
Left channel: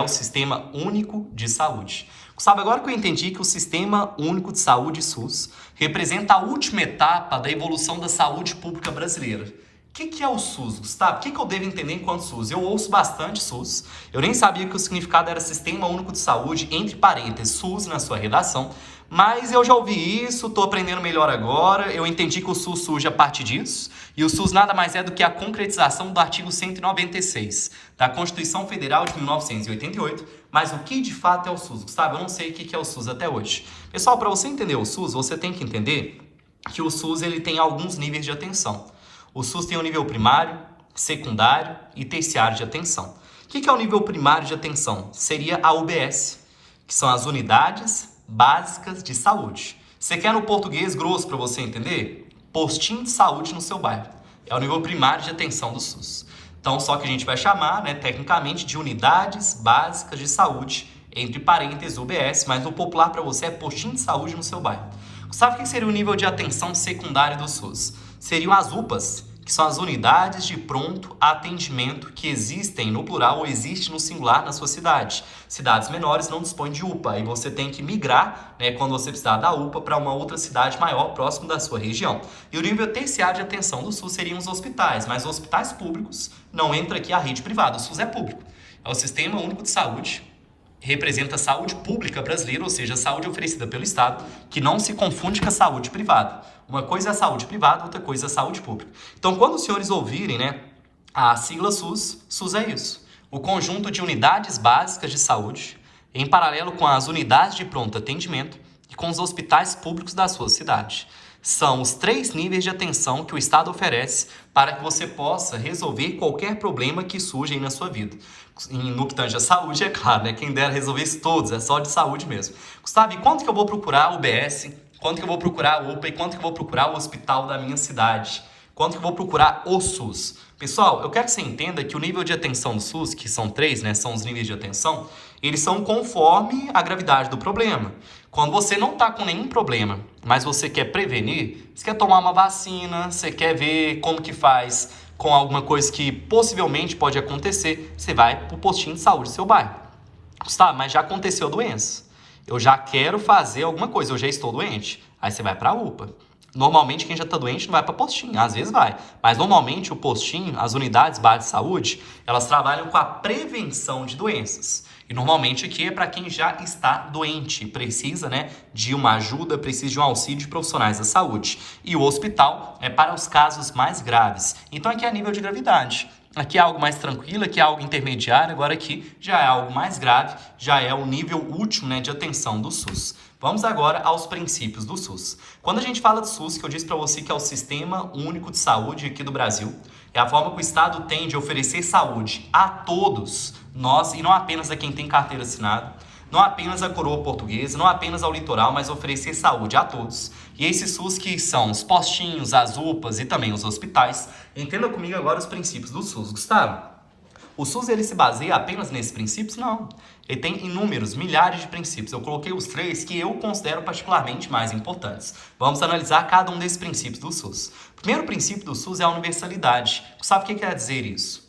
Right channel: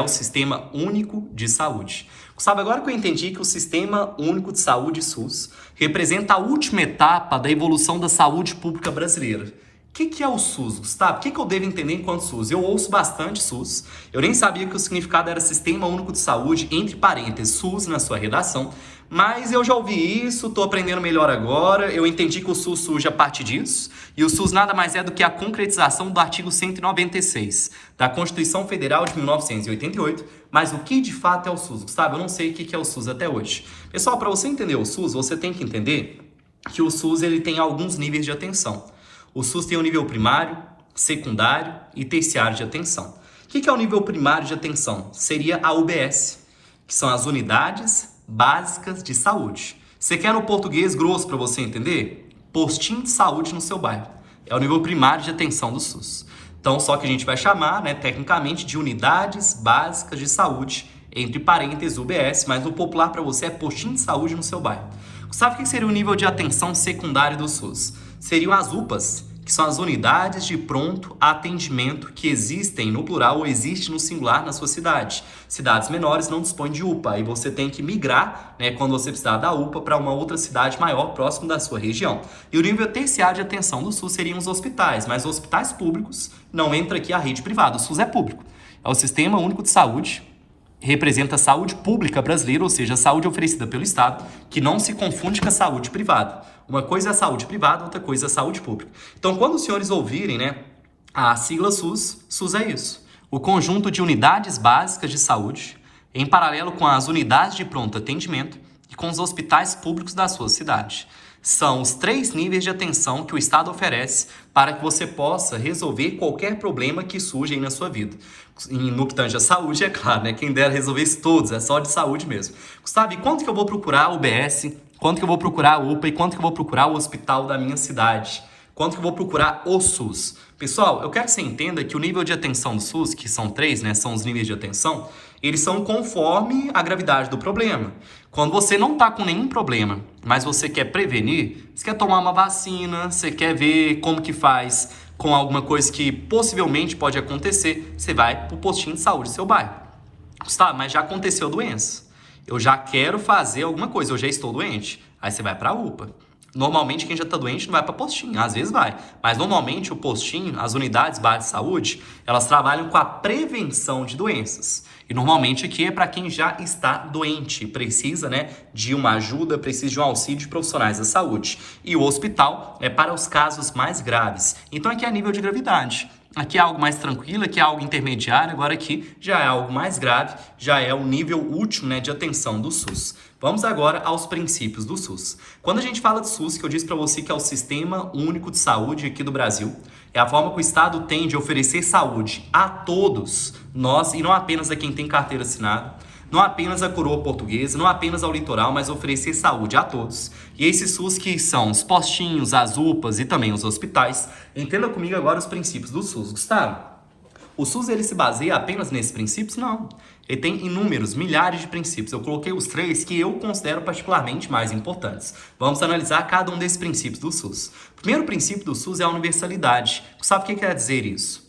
o Sistema Único de Saúde. Sabe, agora que eu entendi que o Sistema Único de Saúde, SUS, representa a última etapa da evolução da saúde pública brasileira. O que é o SUS, Gustavo? O que eu devo entender enquanto SUS? Eu ouço bastante SUS. Eu nem sabia que o significado era Sistema Único de Saúde, entre parênteses, SUS na sua redação. Mas eu já ouvi isso, estou aprendendo melhor agora. Eu entendi que o SUS surge a partir disso. E o SUS nada mais é do que a concretização do artigo 196 da Constituição Federal de 1988. Mas o que de fato é o SUS? Gustavo, eu não sei o que é o SUS até hoje. Pessoal, para você entender o SUS, você tem que entender que o SUS ele tem alguns níveis de atenção. O SUS tem o nível primário, secundário e terciário de atenção. O que é o nível primário de atenção? Seria a UBS, que são as unidades básicas de saúde. Você quer no português grosso para você entender? Postinho de saúde no seu bairro. É o nível primário de atenção do SUS. Então, só que a gente vai chamar, tecnicamente, de unidades básicas de saúde, entre parênteses UBS, mas no popular para você é postinho de saúde no seu bairro. Sabe o que seria o nível de atenção secundário do SUS? Seriam as UPAs, que são as unidades de pronto atendimento que existem no plural ou existe no singular na sua cidade. Cidades menores não dispõem de UPA e você tem que migrar, quando você precisar da UPA, para uma outra cidade maior próximo da sua região. E o nível terciário de atenção do SUS seriam os hospitais, mas hospitais públicos não entra aqui a rede privada. O SUS é público. É o Sistema Único de Saúde, representa a saúde pública brasileira, ou seja, a saúde oferecida pelo Estado, que não se confunde com a saúde privada. Uma coisa é a saúde privada, outra coisa é a saúde pública. Então, quando os senhores ouvirem, a sigla SUS, SUS é isso. O conjunto de unidades básicas de saúde, em paralelo com as unidades de pronto atendimento e com os hospitais públicos da sua cidade. São os 3 níveis de atenção que o Estado oferece para que você possa resolver qualquer problema que surja aí na sua vida. No que tange a saúde, é claro, quem dera resolver isso todos, é só de saúde mesmo. Gustavo, e quanto que eu vou procurar o UBS? Quanto que eu vou procurar a UPA? E quanto que eu vou procurar o hospital da minha cidade? Quanto que eu vou procurar o SUS? Pessoal, eu quero que você entenda que o nível de atenção do SUS, que são 3, são os níveis de atenção, eles são conforme a gravidade do problema. Quando você não está com nenhum problema, mas você quer prevenir, você quer tomar uma vacina, você quer ver como que faz com alguma coisa que possivelmente pode acontecer, você vai para o postinho de saúde do seu bairro. Gustavo, mas já aconteceu a doença. Eu já quero fazer alguma coisa, eu já estou doente. Aí você vai para a UPA. Normalmente, quem já está doente não vai para postinho, às vezes vai. Mas, normalmente, o postinho, as unidades básicas de saúde, elas trabalham com a prevenção de doenças. E normalmente aqui é para quem já está doente, precisa, né, de uma ajuda, precisa de um auxílio de profissionais da saúde. E o hospital é para os casos mais graves. Então aqui é a nível de gravidade. Aqui é algo mais tranquilo, aqui é algo intermediário, agora aqui já é algo mais grave, já é o nível último, né, de atenção do SUS. Vamos agora aos princípios do SUS. Quando a gente fala de SUS, que eu disse para você que é o Sistema Único de Saúde aqui do Brasil, é a forma que o Estado tem de oferecer saúde a todos nós, e não apenas a quem tem carteira assinada, não apenas a coroa portuguesa, não apenas ao litoral, mas oferecer saúde a todos. E esses SUS que são os postinhos, as UPAs e também os hospitais. Entenda comigo agora os princípios do SUS, Gustavo. O SUS ele se baseia apenas nesses princípios? Não. Ele tem inúmeros, milhares de princípios. Eu coloquei os 3 que eu considero particularmente mais importantes. Vamos analisar cada um desses princípios do SUS. O primeiro princípio do SUS é a universalidade. Sabe o que quer dizer isso?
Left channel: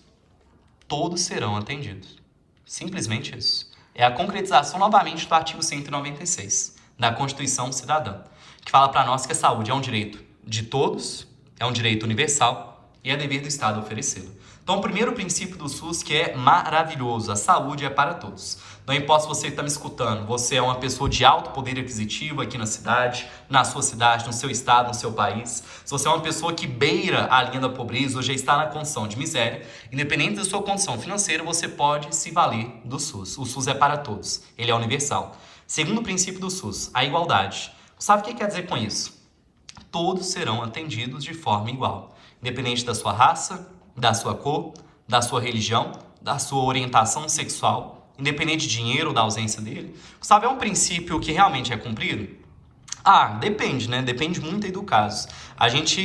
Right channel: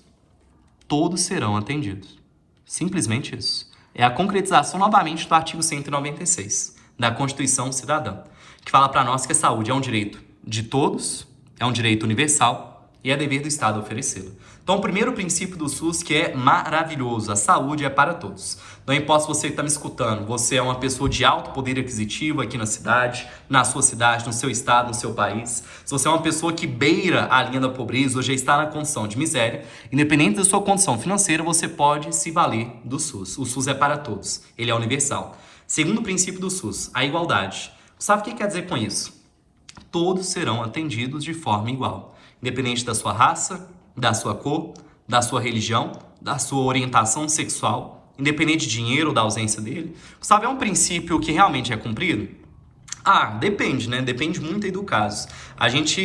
Todos serão atendidos. Simplesmente isso. É a concretização novamente do artigo 196 da Constituição Cidadã, que fala para nós que a saúde é um direito de todos, é um direito universal e é dever do Estado oferecê-lo. Então, o primeiro princípio do SUS que é maravilhoso, a saúde é para todos. Não importa se você está me escutando, você é uma pessoa de alto poder aquisitivo aqui na cidade, na sua cidade, no seu estado, no seu país. Se você é uma pessoa que beira a linha da pobreza ou já está na condição de miséria, independente da sua condição financeira, você pode se valer do SUS. O SUS é para todos, ele é universal. Segundo princípio do SUS, a igualdade. Sabe o que quer dizer com isso? Todos serão atendidos de forma igual, independente da sua raça, da sua cor, da sua religião, da sua orientação sexual, independente de dinheiro ou da ausência dele. Sabe, é um princípio que realmente é cumprido? Depende, né? Depende muito aí do caso.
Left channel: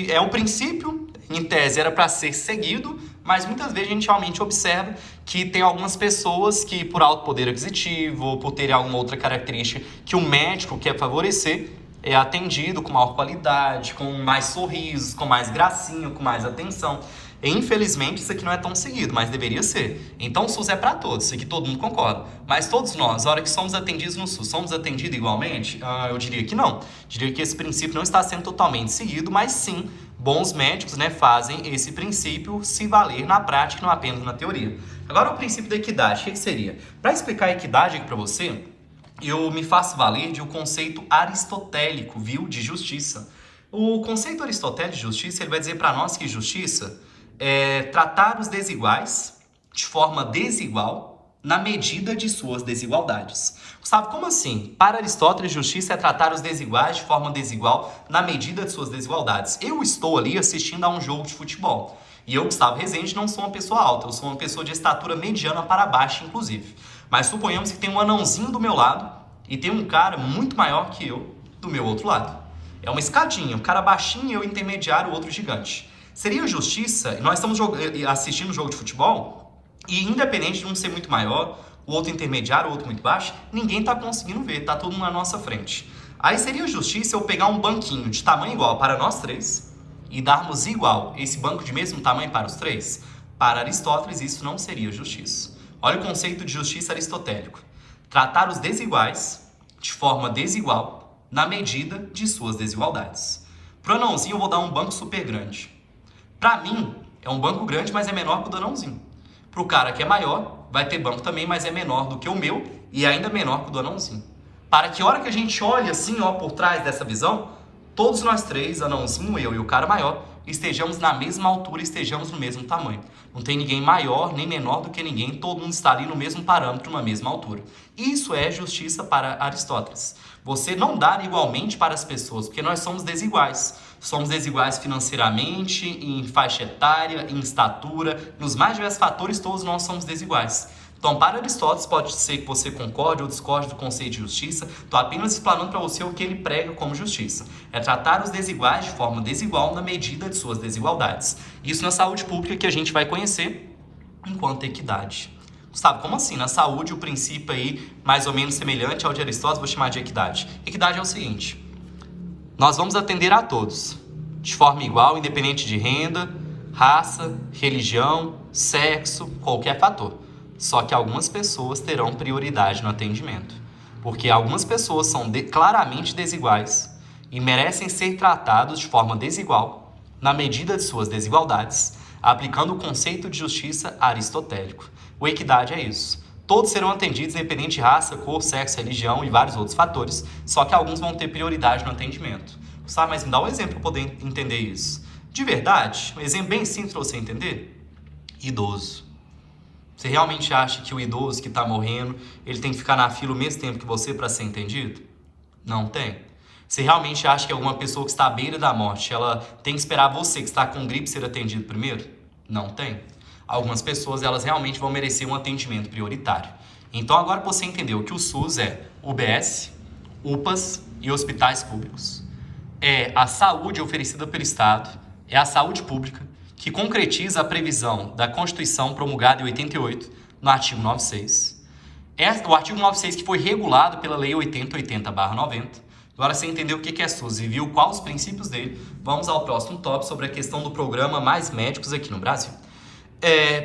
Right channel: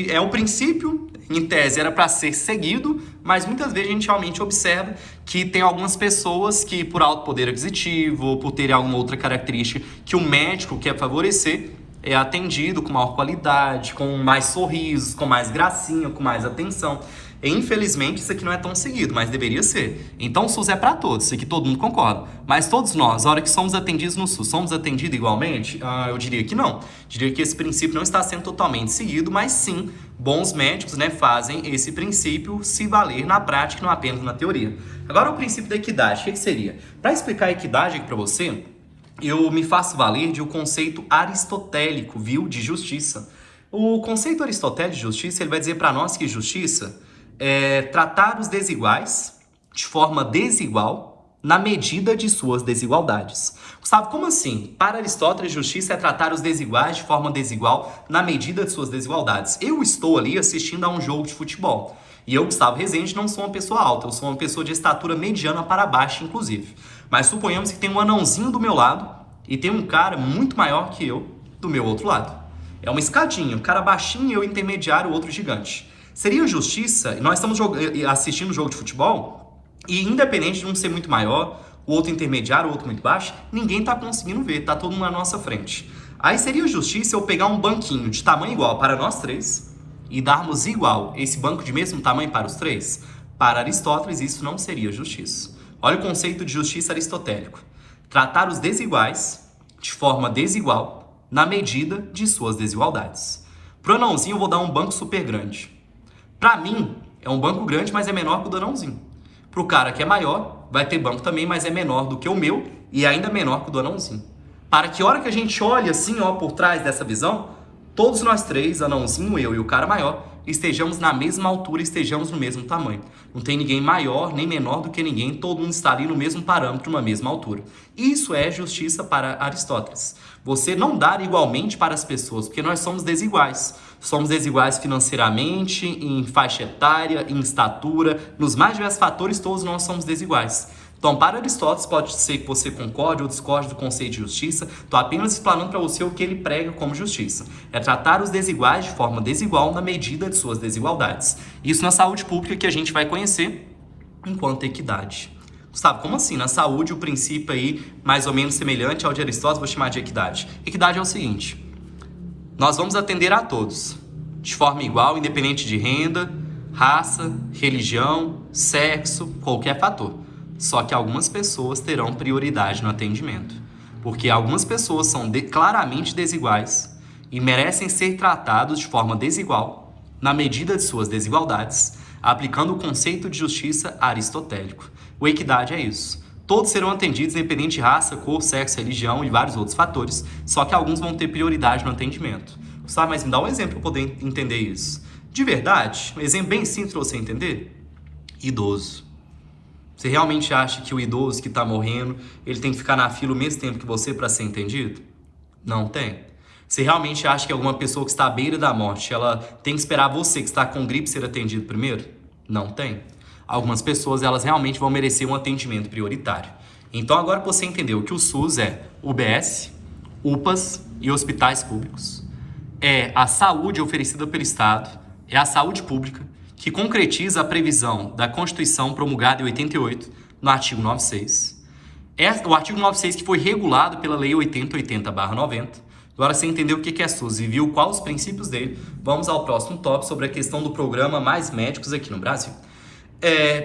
É um princípio, em tese, era para ser seguido, mas muitas vezes a gente realmente observa que tem algumas pessoas que, por alto poder aquisitivo, ou por terem alguma outra característica que o médico quer favorecer, é atendido com maior qualidade, com mais sorrisos, com mais gracinha, com mais atenção. E, infelizmente, isso aqui não é tão seguido, mas deveria ser. Então, o SUS é para todos, isso aqui todo mundo concorda. Mas todos nós, a hora que somos atendidos no SUS, somos atendidos igualmente? Eu diria que não. Diria que esse princípio não está sendo totalmente seguido, mas sim, bons médicos, né, fazem esse princípio se valer na prática, não apenas na teoria. Agora, o princípio da equidade, o que seria? Para explicar a equidade aqui para você, eu me faço valer de um conceito aristotélico, viu, de justiça. O conceito aristotélico de justiça, ele vai dizer para nós que justiça é tratar os desiguais de forma desigual na medida de suas desigualdades. Sabe como assim? Para Aristóteles, justiça é tratar os desiguais de forma desigual na medida de suas desigualdades. Eu estou ali assistindo a um jogo de futebol. E eu, Gustavo Rezende, não sou uma pessoa alta, eu sou uma pessoa de estatura mediana para baixo, inclusive. Mas suponhamos que tem um anãozinho do meu lado e tem um cara muito maior que eu do meu outro lado. É uma escadinha, um cara baixinho e eu intermediário, o outro gigante. Seria justiça, nós estamos assistindo um jogo de futebol e independente de um ser muito maior, o outro intermediário, o outro muito baixo, ninguém está conseguindo ver, está todo mundo na nossa frente. Aí seria justiça eu pegar um banquinho de tamanho igual para nós três e darmos igual esse banco de mesmo tamanho para os três? Para Aristóteles, isso não seria justiça. Olha o conceito de justiça aristotélico. Tratar os desiguais de forma desigual na medida de suas desigualdades. Para o anãozinho, eu vou dar um banco super grande. Para mim, é um banco grande, mas é menor que o do anãozinho. Para o cara que é maior, vai ter banco também, mas é menor do que o meu e ainda menor que o do anãozinho. Para que a hora que a gente olha assim, ó, por trás dessa visão, todos nós três, anãozinho, eu e o cara maior, estejamos na mesma altura, estejamos no mesmo tamanho. Não tem ninguém maior nem menor do que ninguém, todo mundo está ali no mesmo parâmetro, na mesma altura. Isso é justiça para Aristóteles. Você não dar igualmente para as pessoas, porque nós somos desiguais. Somos desiguais financeiramente, em faixa etária, em estatura, nos mais diversos fatores, todos nós somos desiguais. Então, para Aristóteles, pode ser que você concorde ou discorde do conceito de justiça. Estou apenas explanando para você o que ele prega como justiça. É tratar os desiguais de forma desigual na medida de suas desigualdades. Isso na saúde pública que a gente vai conhecer enquanto equidade. Sabe, como assim? Na saúde, o princípio aí, mais ou menos semelhante ao de Aristóteles, vou chamar de equidade. Equidade é o seguinte: nós vamos atender a todos, de forma igual, independente de renda, raça, religião, sexo, qualquer fator. Só que algumas pessoas terão prioridade no atendimento, porque algumas pessoas são claramente desiguais e merecem ser tratados de forma desigual, na medida de suas desigualdades, aplicando o conceito de justiça aristotélico. O equidade é isso. todos serão atendidos independente de raça, cor, sexo, religião e vários outros fatores, só que alguns vão ter prioridade no atendimento. Sabe, mas me dá um exemplo para poder entender isso. De verdade, um exemplo bem simples para você entender. Idoso. Você realmente acha que o idoso que está morrendo, ele tem que ficar na fila o mesmo tempo que você para ser entendido? Não tem. Você realmente acha que alguma pessoa que está à beira da morte, ela tem que esperar você que está com gripe ser atendido primeiro? Não tem. Algumas pessoas, elas realmente vão merecer um atendimento prioritário. Então, agora que você entendeu que o SUS é UBS, UPAs e hospitais públicos, é a saúde oferecida pelo Estado, é a saúde pública, que concretiza a previsão da Constituição promulgada em 88, no artigo 96. É o artigo 96 que foi regulado pela Lei 8080/90. Agora você entendeu o que é SUS e viu quais os princípios dele, vamos ao próximo tópico sobre a questão do programa Mais Médicos aqui no Brasil.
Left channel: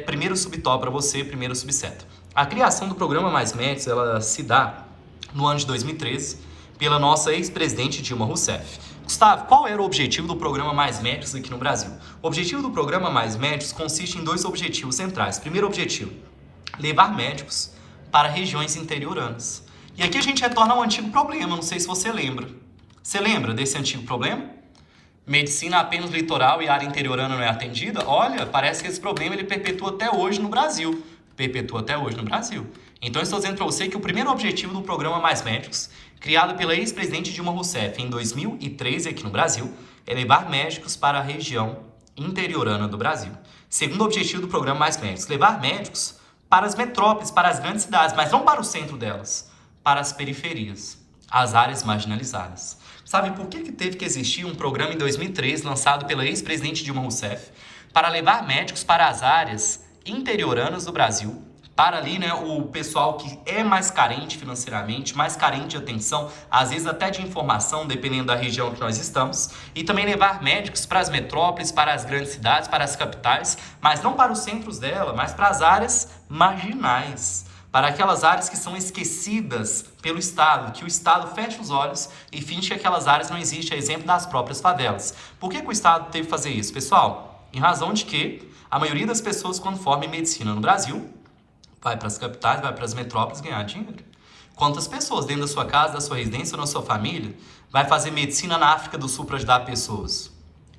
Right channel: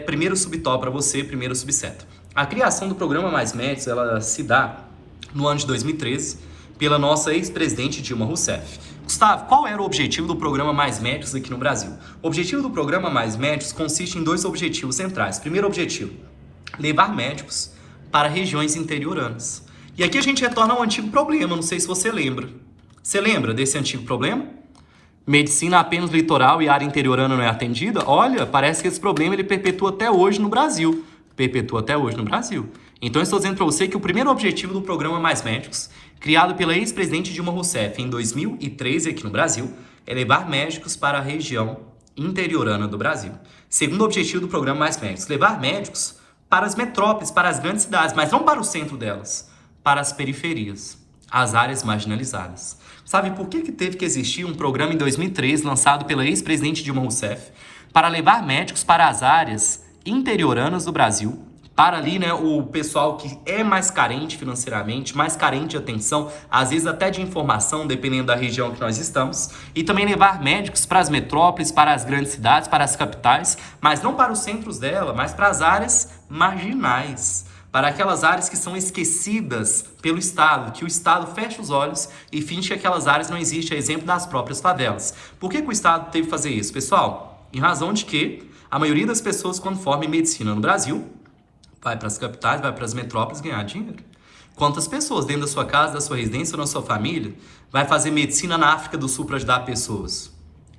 Primeiro subtópico para você, primeiro subseto. A criação do programa Mais Médicos, ela se dá no ano de 2013 pela nossa ex-presidente Dilma Rousseff. Gustavo, qual era o objetivo do programa Mais Médicos aqui no Brasil? O objetivo do programa Mais Médicos consiste em dois objetivos centrais. Primeiro objetivo, levar médicos para regiões interioranas. E aqui a gente retorna ao antigo problema, não sei se você lembra. Você lembra desse antigo problema? Medicina apenas litoral e área interiorana não é atendida? Olha, parece que esse problema ele perpetua até hoje no Brasil. Então eu estou dizendo para você que o primeiro objetivo do programa Mais Médicos, criado pela ex-presidente Dilma Rousseff em 2013 aqui no Brasil, é levar médicos para a região interiorana do Brasil. Segundo objetivo do programa Mais Médicos, levar médicos para as metrópoles, para as grandes cidades, mas não para o centro delas, para as periferias, as áreas marginalizadas. Sabe por que teve que existir um programa em 2013, lançado pela ex-presidente Dilma Rousseff, para levar médicos para as áreas interioranas do Brasil, para ali, né, o pessoal que é mais carente financeiramente, mais carente de atenção, às vezes até de informação, dependendo da região que nós estamos, e também levar médicos para as metrópoles, para as grandes cidades, para as capitais, mas não para os centros dela, mas para as áreas marginais, para aquelas áreas que são esquecidas pelo Estado, que o Estado fecha os olhos e finge que aquelas áreas não existem, a exemplo das próprias favelas. Por que o Estado teve que fazer isso, pessoal? Em razão de que a maioria das pessoas, quando formam medicina no Brasil, vai para as capitais, vai para as metrópoles ganhar dinheiro. Quantas pessoas dentro da sua casa, da sua residência ou na sua família vai fazer medicina na África do Sul para ajudar pessoas?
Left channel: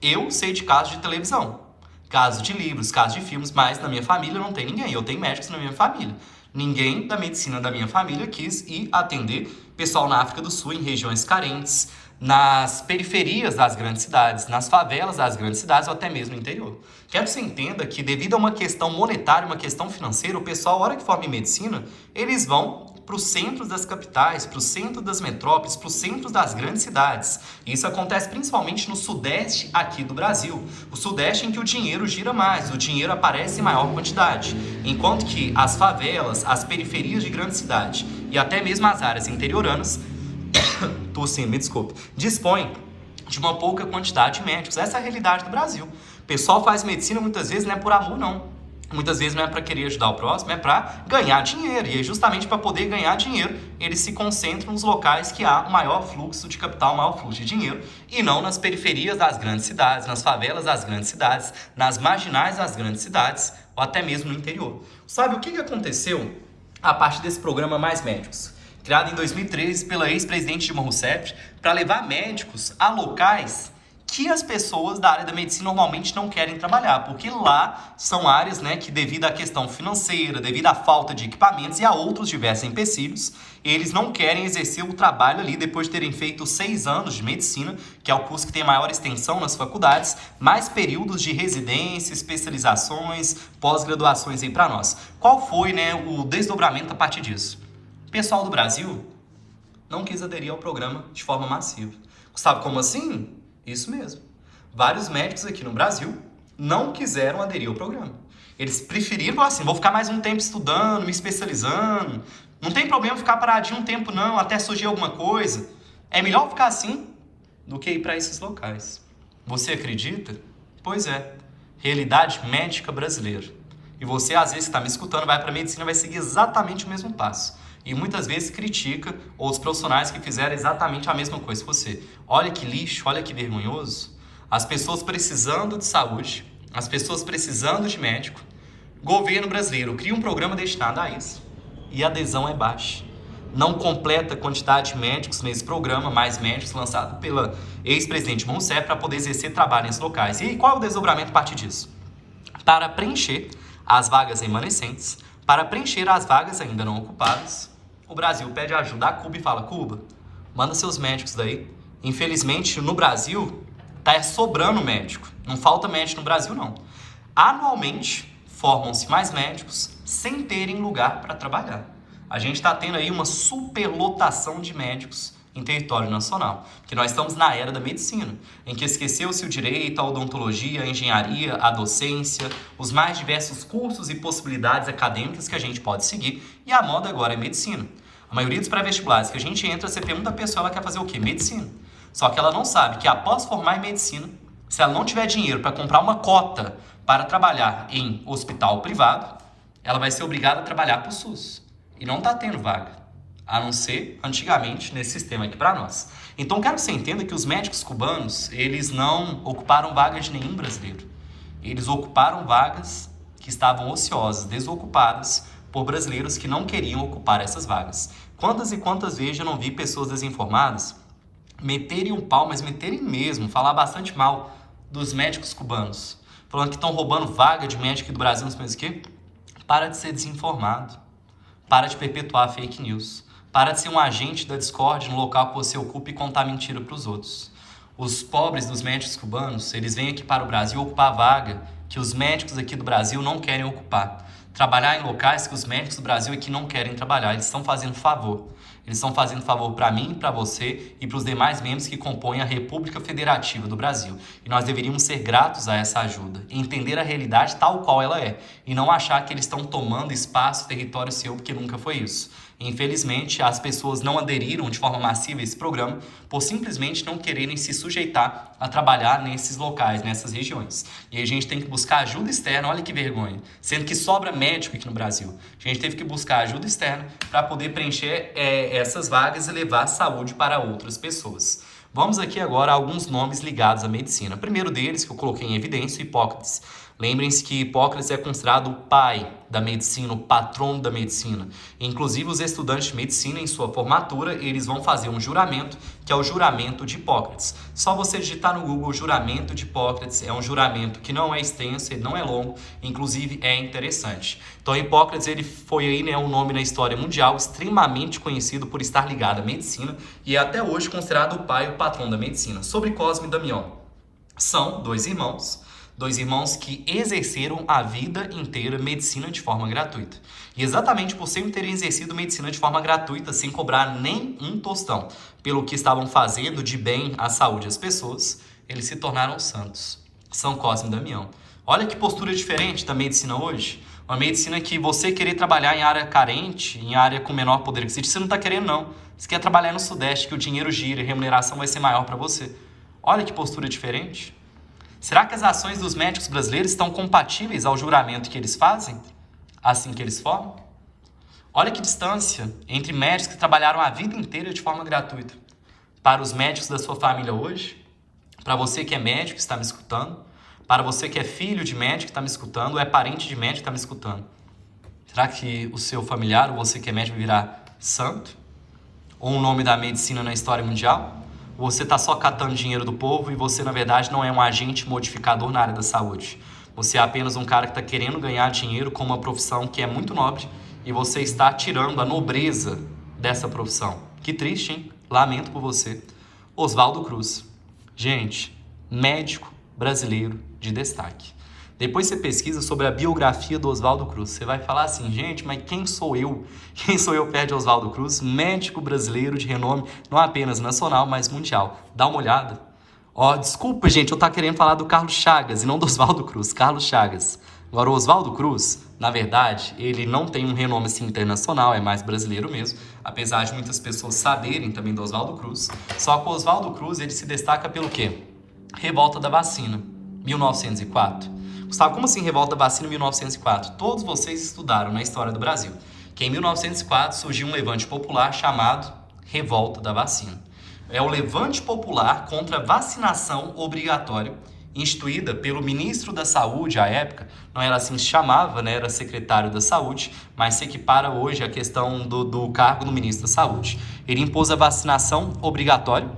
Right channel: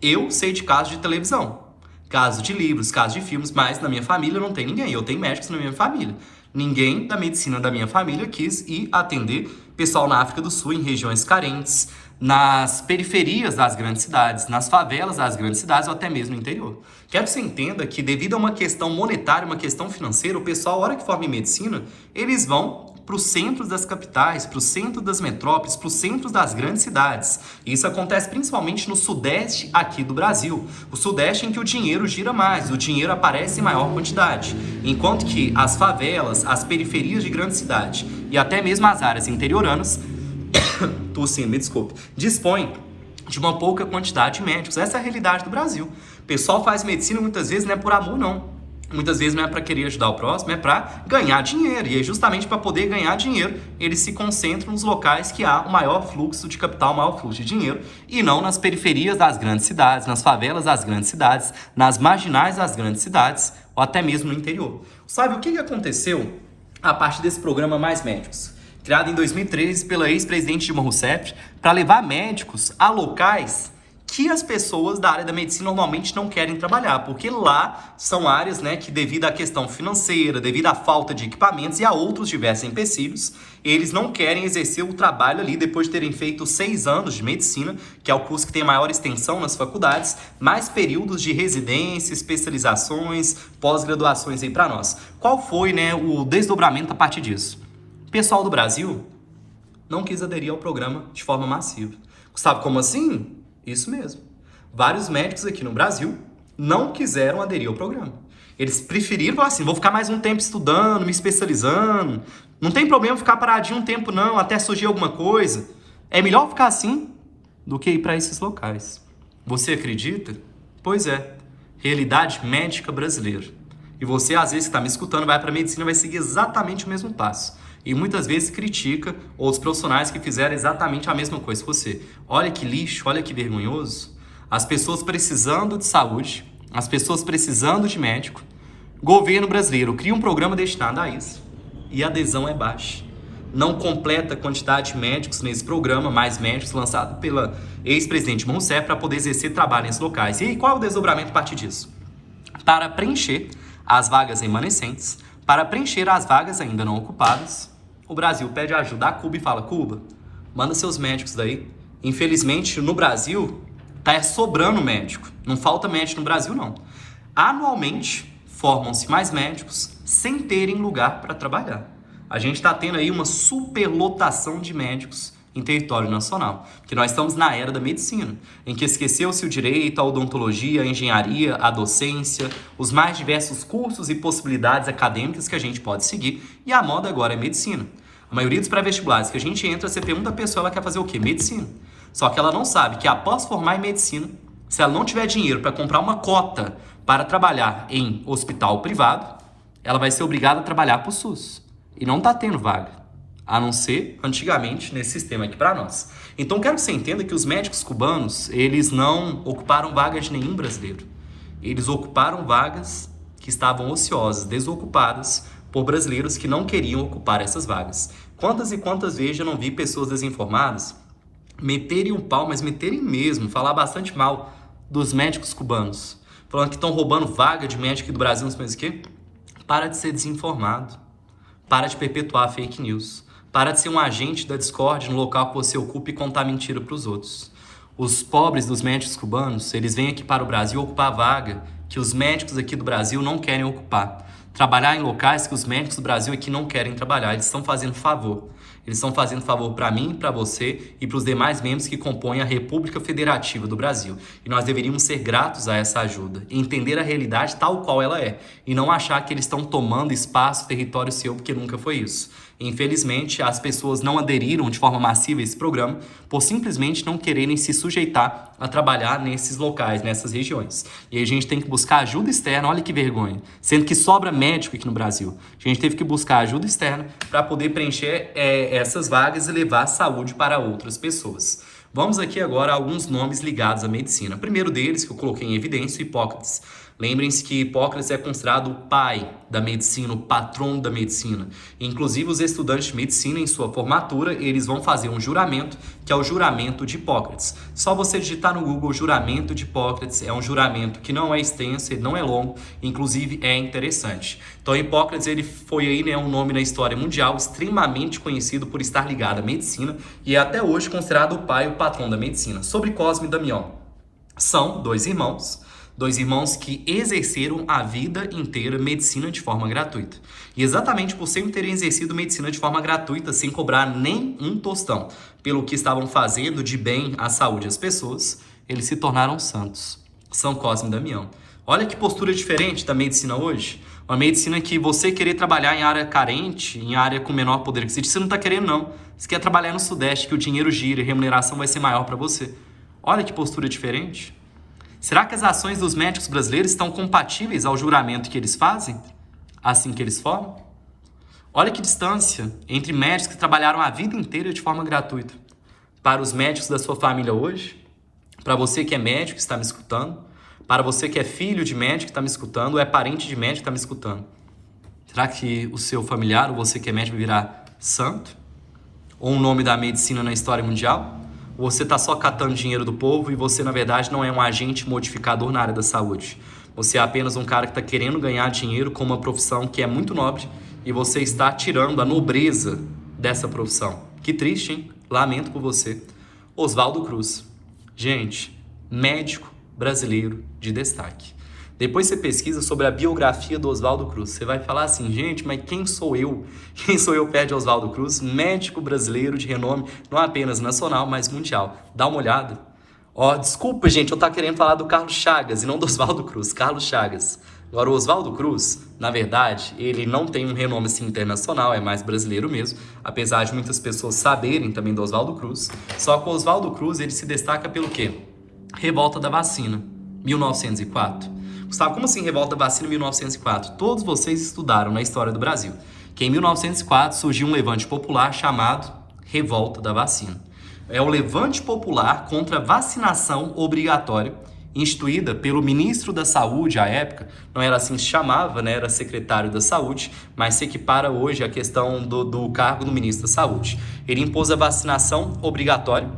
Eu sei de casos de televisão, casos de livros, casos de filmes, mas na minha família não tem ninguém. Eu tenho médicos na minha família. Ninguém da medicina da minha família quis ir atender pessoal na África do Sul, em regiões carentes, nas periferias das grandes cidades, nas favelas das grandes cidades ou até mesmo no interior. Quero que você entenda que devido a uma questão monetária, uma questão financeira, o pessoal, a hora que forma em medicina, eles vão para os centros das capitais, para o centro das metrópoles, para os centros das grandes cidades. E isso acontece principalmente no sudeste aqui do Brasil. O sudeste em que o dinheiro gira mais, o dinheiro aparece em maior quantidade. Enquanto que as favelas, as periferias de grande cidade e até mesmo as áreas interioranas tossindo, me desculpe, dispõe de uma pouca quantidade de médicos. Essa é a realidade do Brasil. O pessoal faz medicina muitas vezes não é por amor, não. Muitas vezes não é para querer ajudar o próximo, é para ganhar dinheiro. E é justamente para poder ganhar dinheiro, eles se concentram nos locais que há o maior fluxo de capital, o maior fluxo de dinheiro, e não nas periferias das grandes cidades, nas favelas das grandes cidades, nas marginais das grandes cidades, ou até mesmo no interior. Sabe o que aconteceu a partir desse programa Mais Médicos? Criado em 2013 pela ex-presidente Dilma Rousseff, para levar médicos a locais que as pessoas da área da medicina normalmente não querem trabalhar, porque lá são áreas, né, que devido à questão financeira, devido à falta de equipamentos e a outros diversos empecilhos, eles não querem exercer o trabalho ali depois de terem feito 6 anos de medicina, que é o curso que tem maior extensão nas faculdades, mais períodos de residência, especializações, pós-graduações aí para nós. Qual foi, né, o desdobramento a partir disso? O pessoal do Brasil não quis aderir ao programa de forma massiva. Gustavo, como assim? Isso mesmo. Vários médicos aqui no Brasil não quiseram aderir ao programa. Eles preferiram falar assim, vou ficar mais um tempo estudando, me especializando. Não tem problema ficar paradinho um tempo não, até surgir alguma coisa. É melhor ficar assim do que ir para esses locais. Você acredita? Pois é. Realidade médica brasileira. E você, às vezes, que está me escutando, vai para a medicina, vai seguir exatamente o mesmo passo. E muitas vezes critica outros profissionais que fizeram exatamente a mesma coisa que você. Olha que lixo, olha que vergonhoso. As pessoas precisando de saúde, as pessoas precisando de médico. Governo brasileiro cria um programa destinado a isso. e a adesão é baixa. Não completa a quantidade de médicos nesse programa, mais médicos, lançado pela ex-presidente Rousseff para poder exercer trabalho nesses locais. E aí, qual é o desdobramento a partir disso? Para preencher as vagas remanescentes, para preencher as vagas ainda não ocupadas, o Brasil pede ajuda a Cuba e fala: Cuba, manda seus médicos daí. Infelizmente, no Brasil, tá sobrando médico. Não falta médico no Brasil, não. Anualmente, formam-se mais médicos sem terem lugar para trabalhar. A gente está tendo aí uma superlotação de médicos em território nacional, porque nós estamos na era da medicina, em que esqueceu-se o direito, a odontologia, a engenharia, a docência, os mais diversos cursos e possibilidades acadêmicas que a gente pode seguir, e a moda agora é medicina. A maioria dos pré-vestibulares que a gente entra, você pergunta a pessoa, ela quer fazer o quê? Medicina. Só que ela não sabe que após formar em medicina, se ela não tiver dinheiro para comprar uma cota para trabalhar em hospital privado, ela vai ser obrigada a trabalhar para o SUS. E não está tendo vaga, a não ser antigamente nesse sistema aqui para nós. Então quero que você entenda que os médicos cubanos, eles não ocuparam vagas de nenhum brasileiro. Eles ocuparam vagas que estavam ociosas, desocupadas por brasileiros que não queriam ocupar essas vagas. Quantas e quantas vezes eu não vi pessoas desinformadas meterem um pau, mas meterem mesmo, falar bastante mal dos médicos cubanos, falando que estão roubando vaga de médico do Brasil, não sei mais o quê. Para de ser desinformado. Para de perpetuar fake news. Para de ser um agente da discórdia no local que você ocupa e contar mentira para os outros. Os pobres dos médicos cubanos, eles vêm aqui para o Brasil ocupar a vaga que os médicos aqui do Brasil não querem ocupar. Trabalhar em locais que os médicos do Brasil aqui não querem trabalhar. Eles estão fazendo favor. Eles estão fazendo favor para mim, para você e para os demais membros que compõem a República Federativa do Brasil. E nós deveríamos ser gratos a essa ajuda, entender a realidade tal qual ela é, e não achar que eles estão tomando espaço, território seu, porque nunca foi isso. Infelizmente, as pessoas não aderiram de forma massiva a esse programa por simplesmente não quererem se sujeitar a trabalhar nesses locais, nessas regiões. E aí a gente tem que buscar ajuda externa, olha que vergonha, sendo que sobra médico aqui no Brasil. A gente teve que buscar ajuda externa para poder preencher essas vagas e levar a saúde para outras pessoas. Vamos aqui agora a alguns nomes ligados à medicina. O primeiro deles, que eu coloquei em evidência, Hipócrates. Lembrem-se que Hipócrates é considerado o pai da medicina, o patrono da medicina. Inclusive, os estudantes de medicina, em sua formatura, eles vão fazer um juramento, que é o juramento de Hipócrates. Só você digitar no Google juramento de Hipócrates, é um juramento que não é extenso, ele não é longo, inclusive é interessante. Então, Hipócrates, ele foi aí, né, um nome na história mundial extremamente conhecido por estar ligado à medicina e é até hoje considerado o pai e o patrão da medicina. Sobre Cosme e Damião, são dois irmãos que exerceram a vida inteira medicina de forma gratuita. E exatamente por sempre terem exercido medicina de forma gratuita, sem cobrar nem um tostão, pelo que estavam fazendo de bem à saúde das pessoas, eles se tornaram santos. São Cosme e Damião. Olha que postura diferente da medicina hoje. Uma medicina que você querer trabalhar em área carente, em área com menor poder aquisitivo, você não está querendo não. Você quer trabalhar no Sudeste, que o dinheiro gira e a remuneração vai ser maior para você. Olha que postura diferente. Será que as ações dos médicos brasileiros estão compatíveis ao juramento que eles fazem, assim que eles formam? Olha que distância entre médicos que trabalharam a vida inteira de forma gratuita. Para os médicos da sua família hoje, para você que é médico que está me escutando, para você que é filho de médico que está me escutando, ou é parente de médico que está me escutando. Será que o seu familiar, ou você que é médico, vai virar santo? Ou um nome da medicina na história mundial? Você está só catando dinheiro do povo e você, na verdade, não é um agente modificador na área da saúde. Você é apenas um cara que está querendo ganhar dinheiro com uma profissão que é muito nobre e você está tirando a nobreza dessa profissão. Que triste, hein? Lamento por você. Oswaldo Cruz. Gente, médico brasileiro de destaque. Depois você pesquisa sobre a biografia do Oswaldo Cruz. Você vai falar assim, gente, mas quem sou eu? Quem sou eu perto de Oswaldo Cruz? Médico brasileiro de renome, não apenas nacional, mas mundial. Dá uma olhada. Ó, desculpa, gente, eu tava querendo falar do Carlos Chagas e não do Oswaldo Cruz. Carlos Chagas. Agora, o Oswaldo Cruz, na verdade, ele não tem um renome assim internacional, é mais brasileiro mesmo, apesar de muitas pessoas saberem também do Oswaldo Cruz. Só que o Oswaldo Cruz, ele se destaca pelo quê? Revolta da Vacina, 1904. Gustavo, como assim Revolta da Vacina 1904? Todos vocês estudaram na história do Brasil que em 1904 surgiu um levante popular chamado Revolta da Vacina. É o levante popular contra a vacinação obrigatória instituída pelo ministro da Saúde à época, não era assim que se chamava, né? Era secretário da Saúde, mas se equipara hoje a questão do cargo do ministro da Saúde. Ele impôs a vacinação obrigatória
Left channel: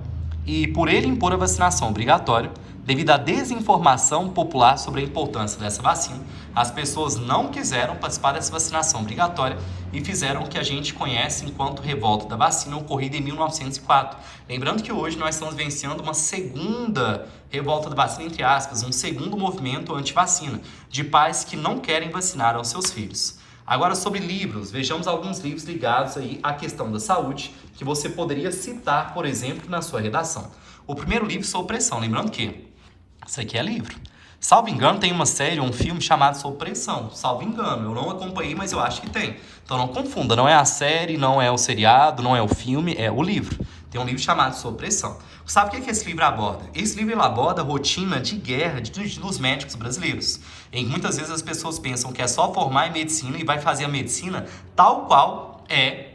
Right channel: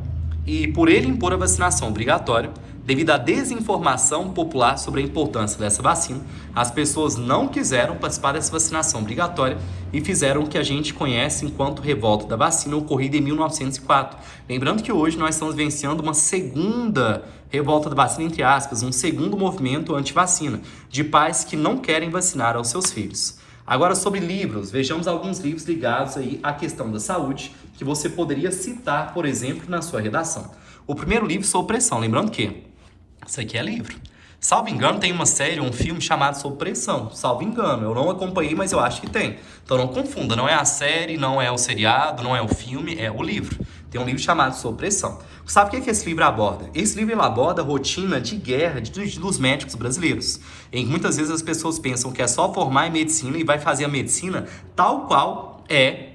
e por ele impor a vacinação obrigatória, devido à desinformação popular sobre a importância dessa vacina, as pessoas não quiseram participar dessa vacinação obrigatória e fizeram o que a gente conhece enquanto revolta da vacina, ocorrida em 1904. Lembrando que hoje nós estamos vencendo uma segunda revolta da vacina, entre aspas, um segundo movimento anti-vacina, de pais que não querem vacinar aos seus filhos. Agora, sobre livros, vejamos alguns livros ligados aí à questão da saúde, que você poderia citar, por exemplo, na sua redação. O primeiro livro, Sob Pressão, lembrando que isso aqui é livro. Salvo engano, tem uma série, um filme chamado Sob Pressão. Salvo engano, eu não acompanhei, mas eu acho que tem. Então não confunda, não é a série, não é o seriado, não é o filme, é o livro. Tem um livro chamado Sob Pressão. Sabe o que esse livro aborda? Esse livro ele aborda a rotina de guerra dos médicos brasileiros, em que muitas vezes as pessoas pensam que é só formar em medicina e vai fazer a medicina tal qual é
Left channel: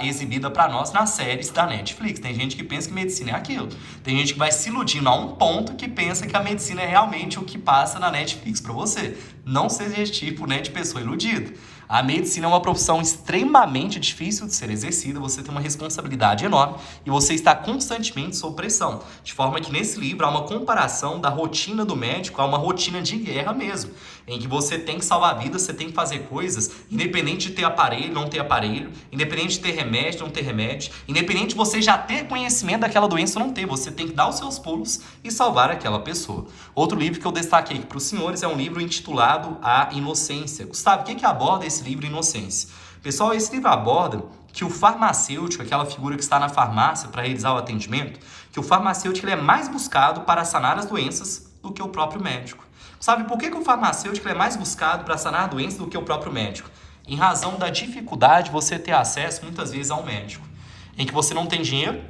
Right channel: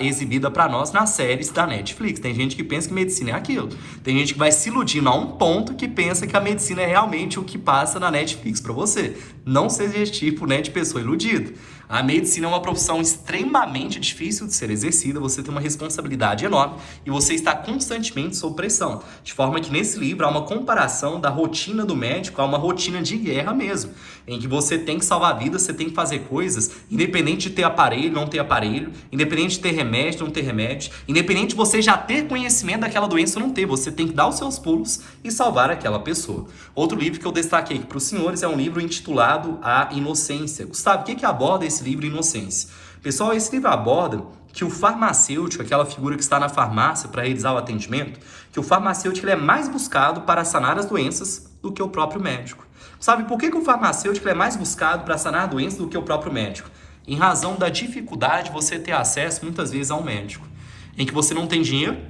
exibida para nós nas séries da Netflix. Tem gente que pensa que medicina é aquilo. Tem gente que vai se iludindo a um ponto que pensa que a medicina é realmente o que passa na Netflix para você. Não seja esse tipo, né, de pessoa iludida. A medicina é uma profissão extremamente difícil de ser exercida, você tem uma responsabilidade enorme e você está constantemente sob pressão. De forma que nesse livro há uma comparação da rotina do médico a uma rotina de guerra mesmo, em que você tem que salvar vidas, você tem que fazer coisas, independente de ter aparelho, não ter aparelho, independente de ter remédio, não ter remédio, independente de você já ter conhecimento daquela doença ou não ter, você tem que dar os seus pulos e salvar aquela pessoa. Outro livro que eu destaquei para os senhores é um livro intitulado A Inocência. Gustavo, o que aborda esse livro Inocência? Pessoal, esse livro aborda que o farmacêutico, aquela figura que está na farmácia para realizar o atendimento, que o farmacêutico ele é mais buscado para sanar as doenças do que o próprio médico. Sabe por que o farmacêutico é mais buscado para sanar doenças do que o próprio médico? Em razão da dificuldade de você ter acesso, muitas vezes, a um médico. Em que você não tem dinheiro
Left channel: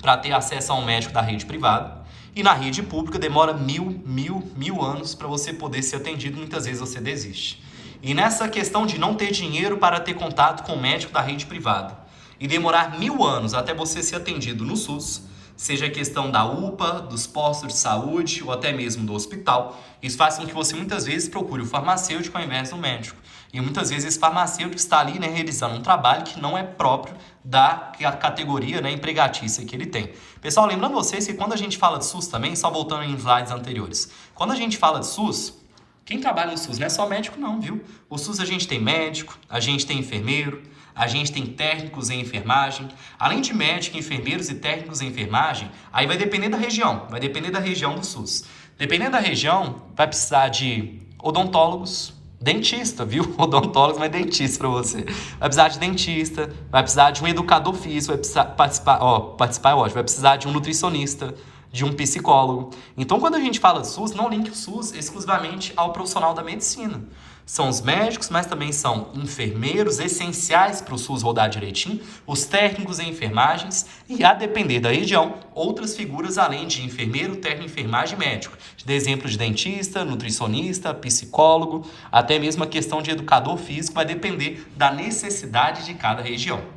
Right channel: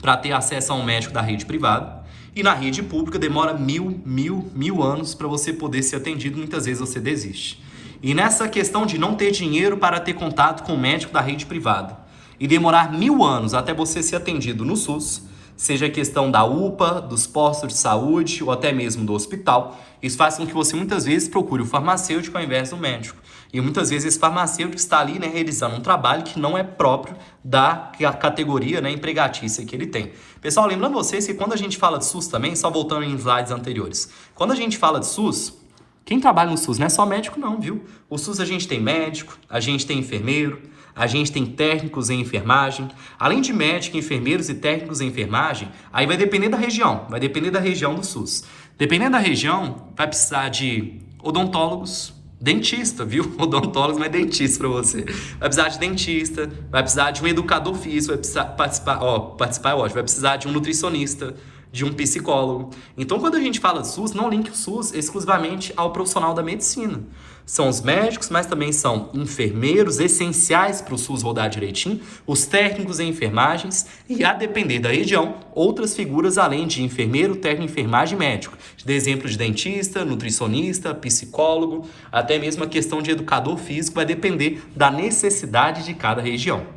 para ter acesso a um médico da rede privada. E na rede pública demora mil anos para você poder ser atendido. Muitas vezes você desiste. E nessa questão de não ter dinheiro para ter contato com o médico da rede privada e demorar 1000 anos até você ser atendido no SUS, seja a questão da UPA, dos postos de saúde ou até mesmo do hospital, isso faz com que você muitas vezes procure o farmacêutico ao invés do médico. E muitas vezes esse farmacêutico está ali, né, realizando um trabalho que não é próprio da categoria, né, empregatícia que ele tem. Pessoal, lembrando vocês que quando a gente fala de SUS também, só voltando em slides anteriores, quando a gente fala de SUS, quem trabalha no SUS não é só médico não, viu? O SUS a gente tem médico, a gente tem enfermeiro, a gente tem técnicos em enfermagem. Além de médico, enfermeiros e técnicos em enfermagem, aí vai depender da região do SUS. Dependendo da região, vai precisar de odontólogos, dentista, viu? Odontólogos não é dentista para você. Vai precisar de dentista, vai precisar de um educador físico, vai precisar vai precisar de um nutricionista, de um psicólogo. Então, quando a gente fala de SUS, não linke o SUS exclusivamente ao profissional da medicina. São os médicos, mas também são enfermeiros essenciais para o SUS rodar direitinho, os técnicos em enfermagens e, a depender da região, outras figuras além de enfermeiro, técnico, enfermagem e médico. De exemplo de dentista, nutricionista, psicólogo, até mesmo a questão de educador físico vai depender da necessidade de cada região.